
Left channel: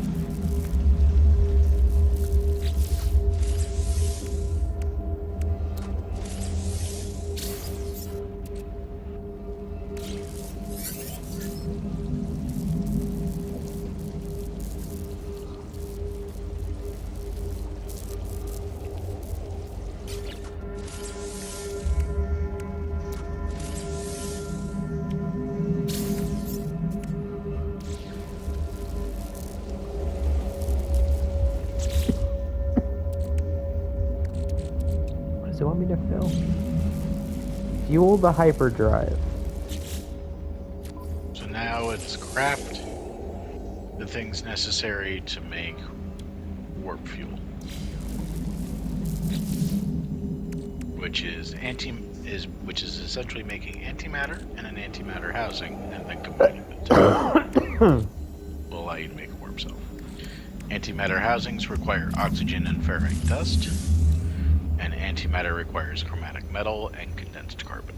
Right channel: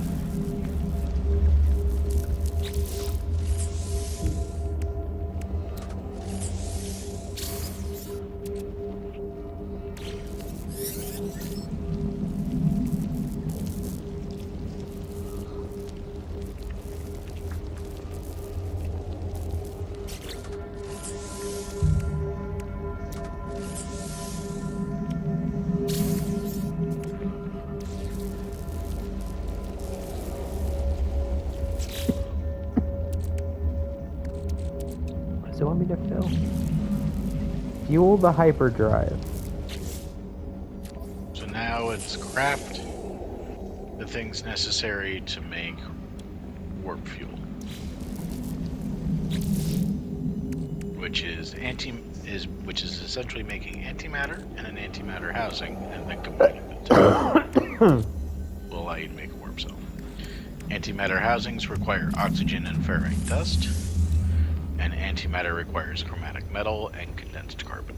What does it want me to fill? Fuel the hyperdrive. So now it's craft the things necessary to make warp fuel, which is essentially making antimatter and an antimatter housing, and then combining the two will allow you to make a warp cell. Antimatter housings require oxygen and ferrite dust, and antimatter requires chromatic metal and condensed carbon.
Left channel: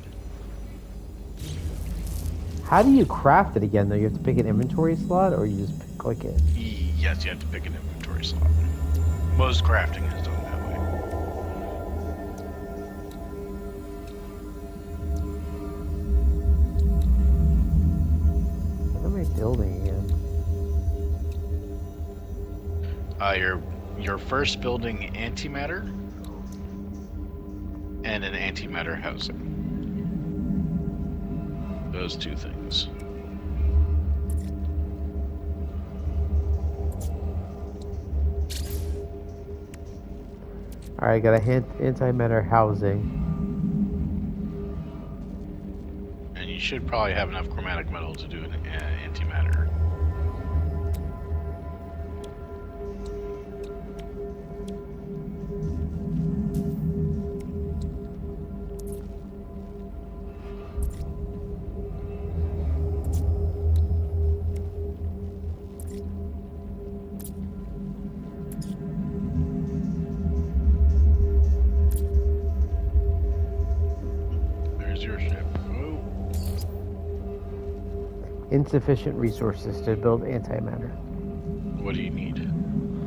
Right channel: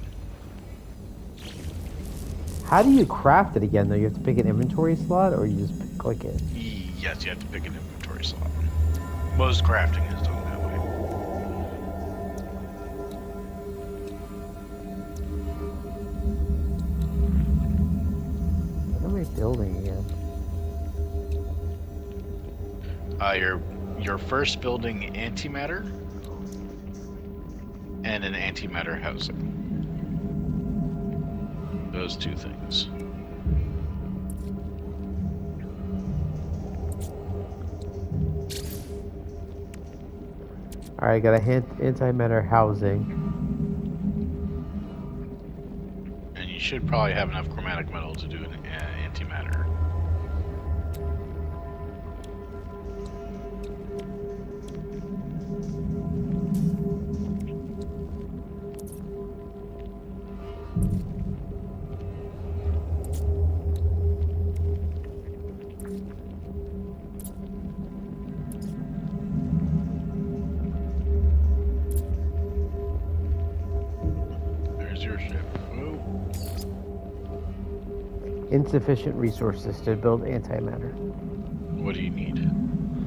How do you craft it again, though? You have to pick an inventory slot, or you just click it? Yes, you have to pick an inventory slot. Most crafting is done that way. What am I building again? You're first building antimatter and an antimatter housing. Those two things. Alright, got a antimatter housing. And you should probably have enough chromatic metal to do an antimatter. There's your ship. Whoa. Insufficient resources to build antimatter. What do you need?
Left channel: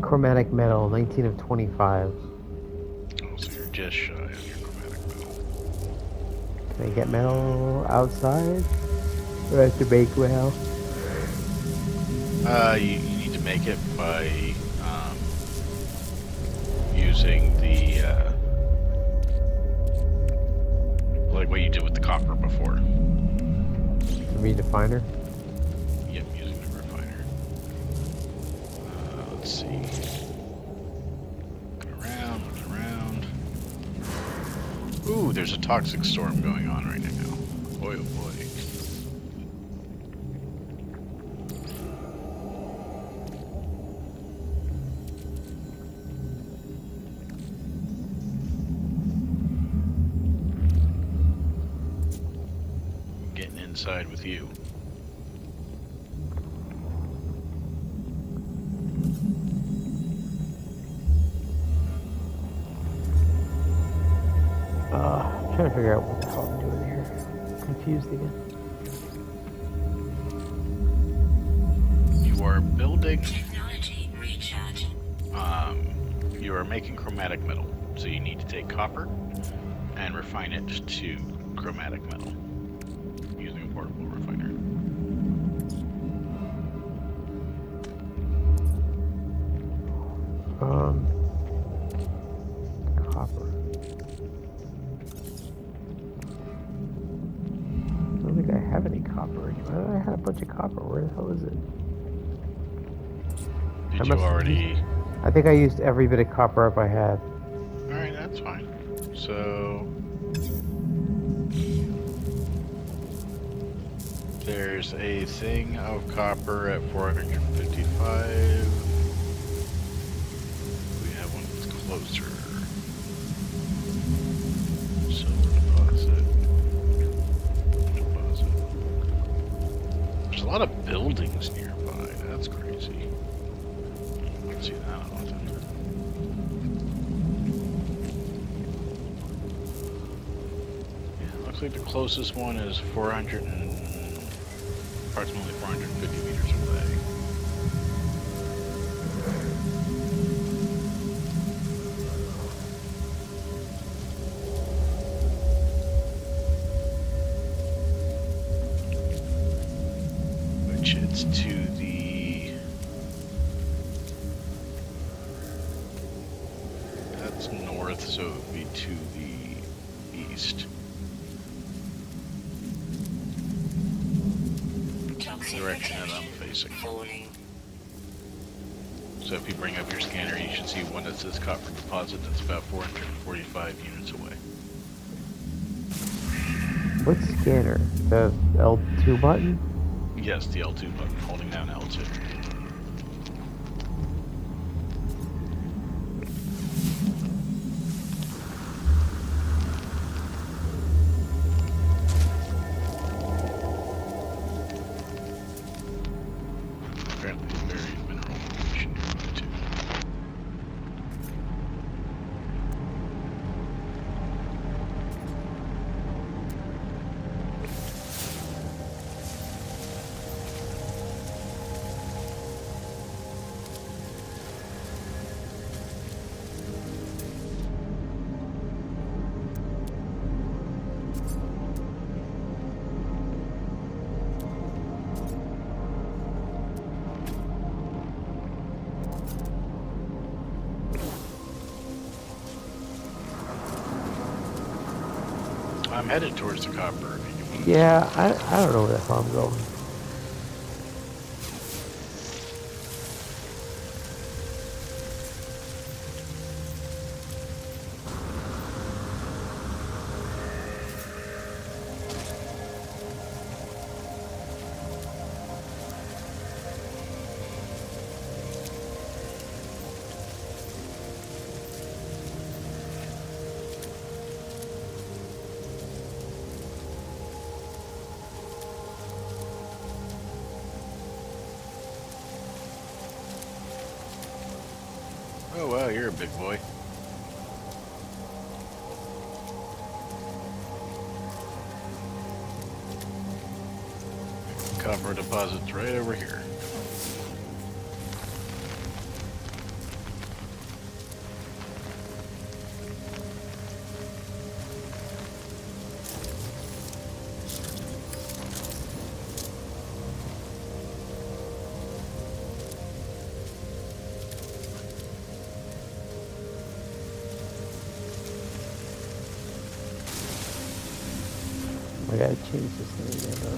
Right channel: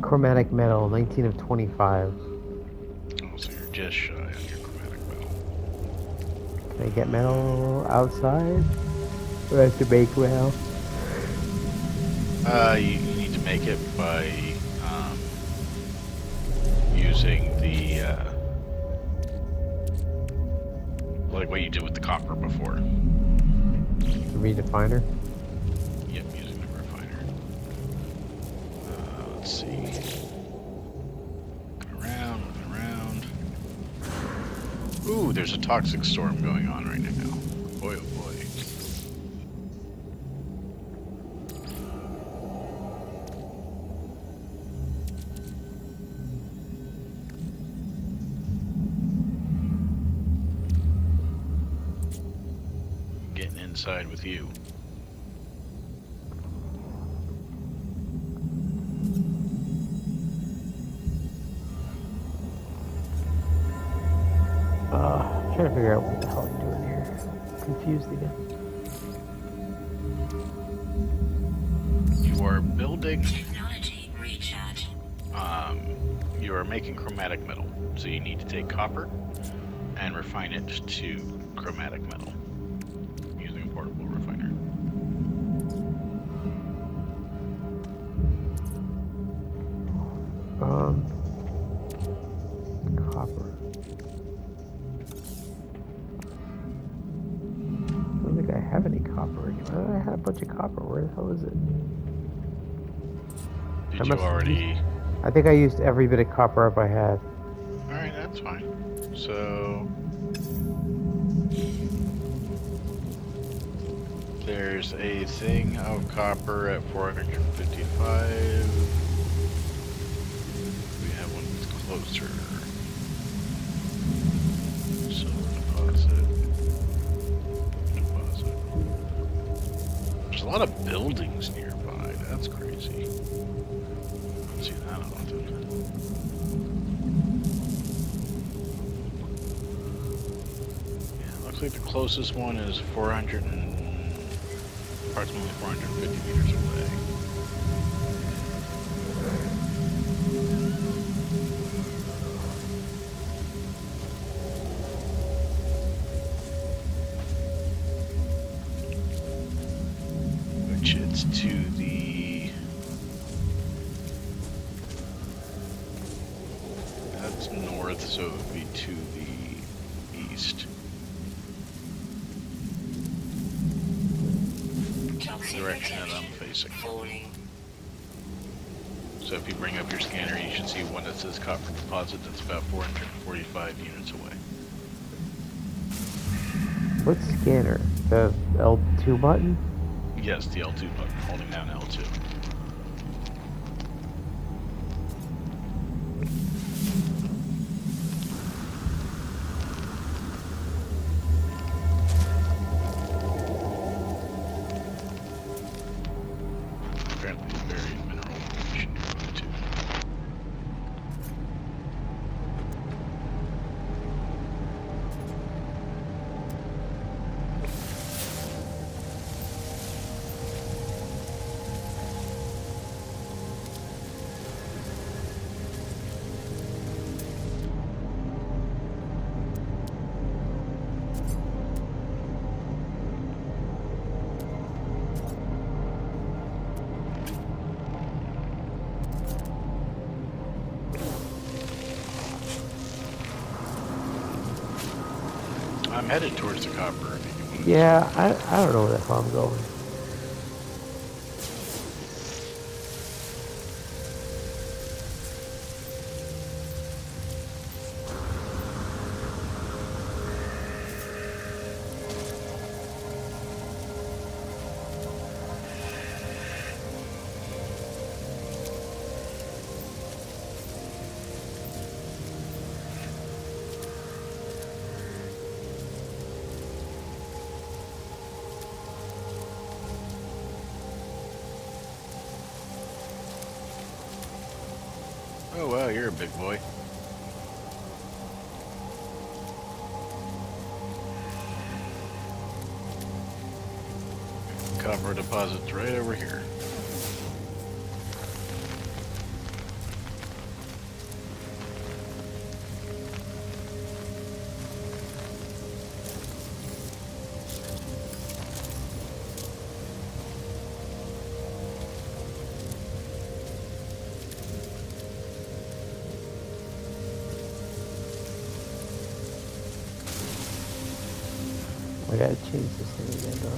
Chromatic metal, 19 of 25. Oh, so you're just shy on your chromatic metal. Can I get metal outside? Or I have to make metal? You need to make it by using the like what you did with the copper before. The redefiner? Yep, using the refiner. Let's see. Looking around. Ooh, there's a toxic storm going on right now. Boy, oh boy. Getting inside with you. I'm trying to figure out what the hell I'm doing here. Confused again. You are building. Technology recharge. You are making chromatic metal, so you need to take copper and refine it to chromatic metal using a portable refiner. Copper. I don't think I have any copper anymore. I had a bunch of copper. Where the hell is it? Did you already? I think I used every bit of copper up I had. Alright, that's fine. So there's a thing of copper at 455. We have one that's closer. Silver deposit. There's a lot of buildings nearby. That's crazy. I don't see that often. Yeah, looks like the closest one is approximately 450 meters away. Which it's to the... That's north, so it would be to the east. The direction that I'm facing. So if you bring up your scanner, you should see one that says copper deposit. That's about 445 units away. What scanner? The L2 button? Yes, the L2 button, holding down L2. Apparently a buried mineral formation nearby too. I'm headed towards the copper. If you want Yeah, I don't know where the hell I'm going. Oh wow, you're a big boy. Copper deposit's right over here. I gotta change this thing again, though.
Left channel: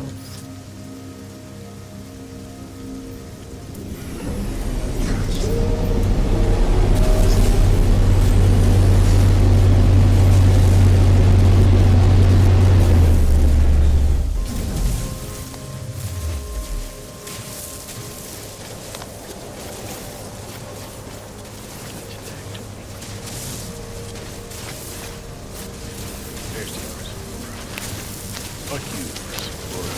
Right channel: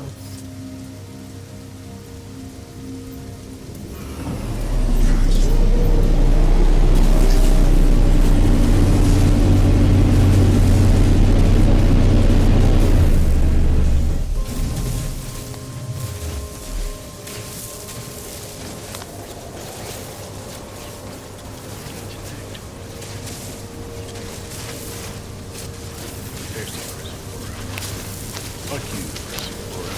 There's the reservoir. Fuck you, reservoir.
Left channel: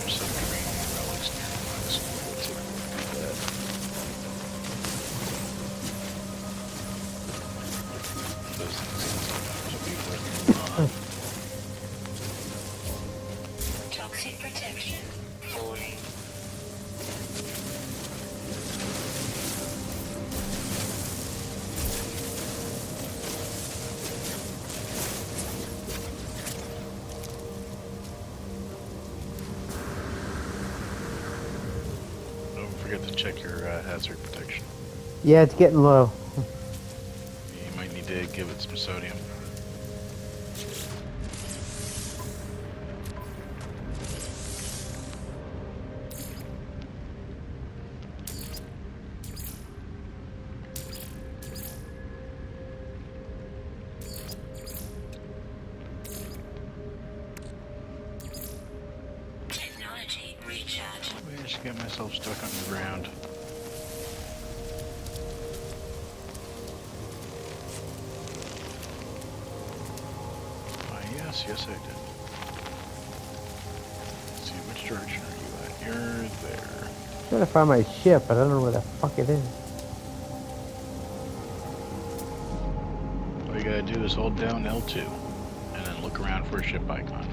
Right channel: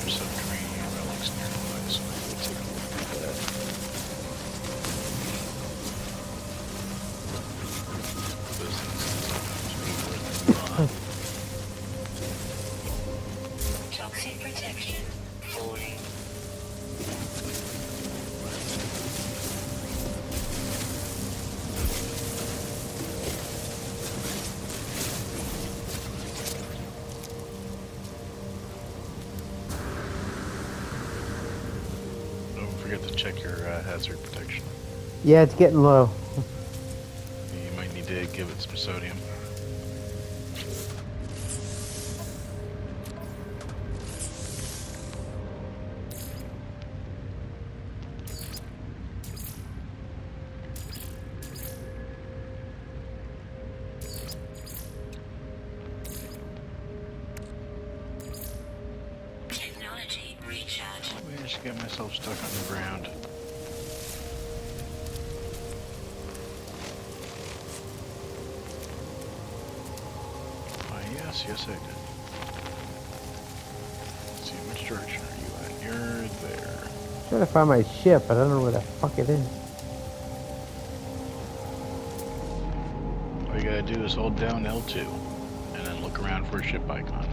There's some training relics nearby, so we'll take a look at that. Those things can sometimes be worth a lot. Toxic protection falling. Don't forget to check your hazard protection. Yeah, it's getting low. You might need to give it some sodium. just get myself stuck on the ground. Yes, I did. Let's see, which direction are you at? You're there. I'm trying to find my ship, but I don't know where the fuck it is. All you gotta do is hold down L2, and then look around for a ship icon.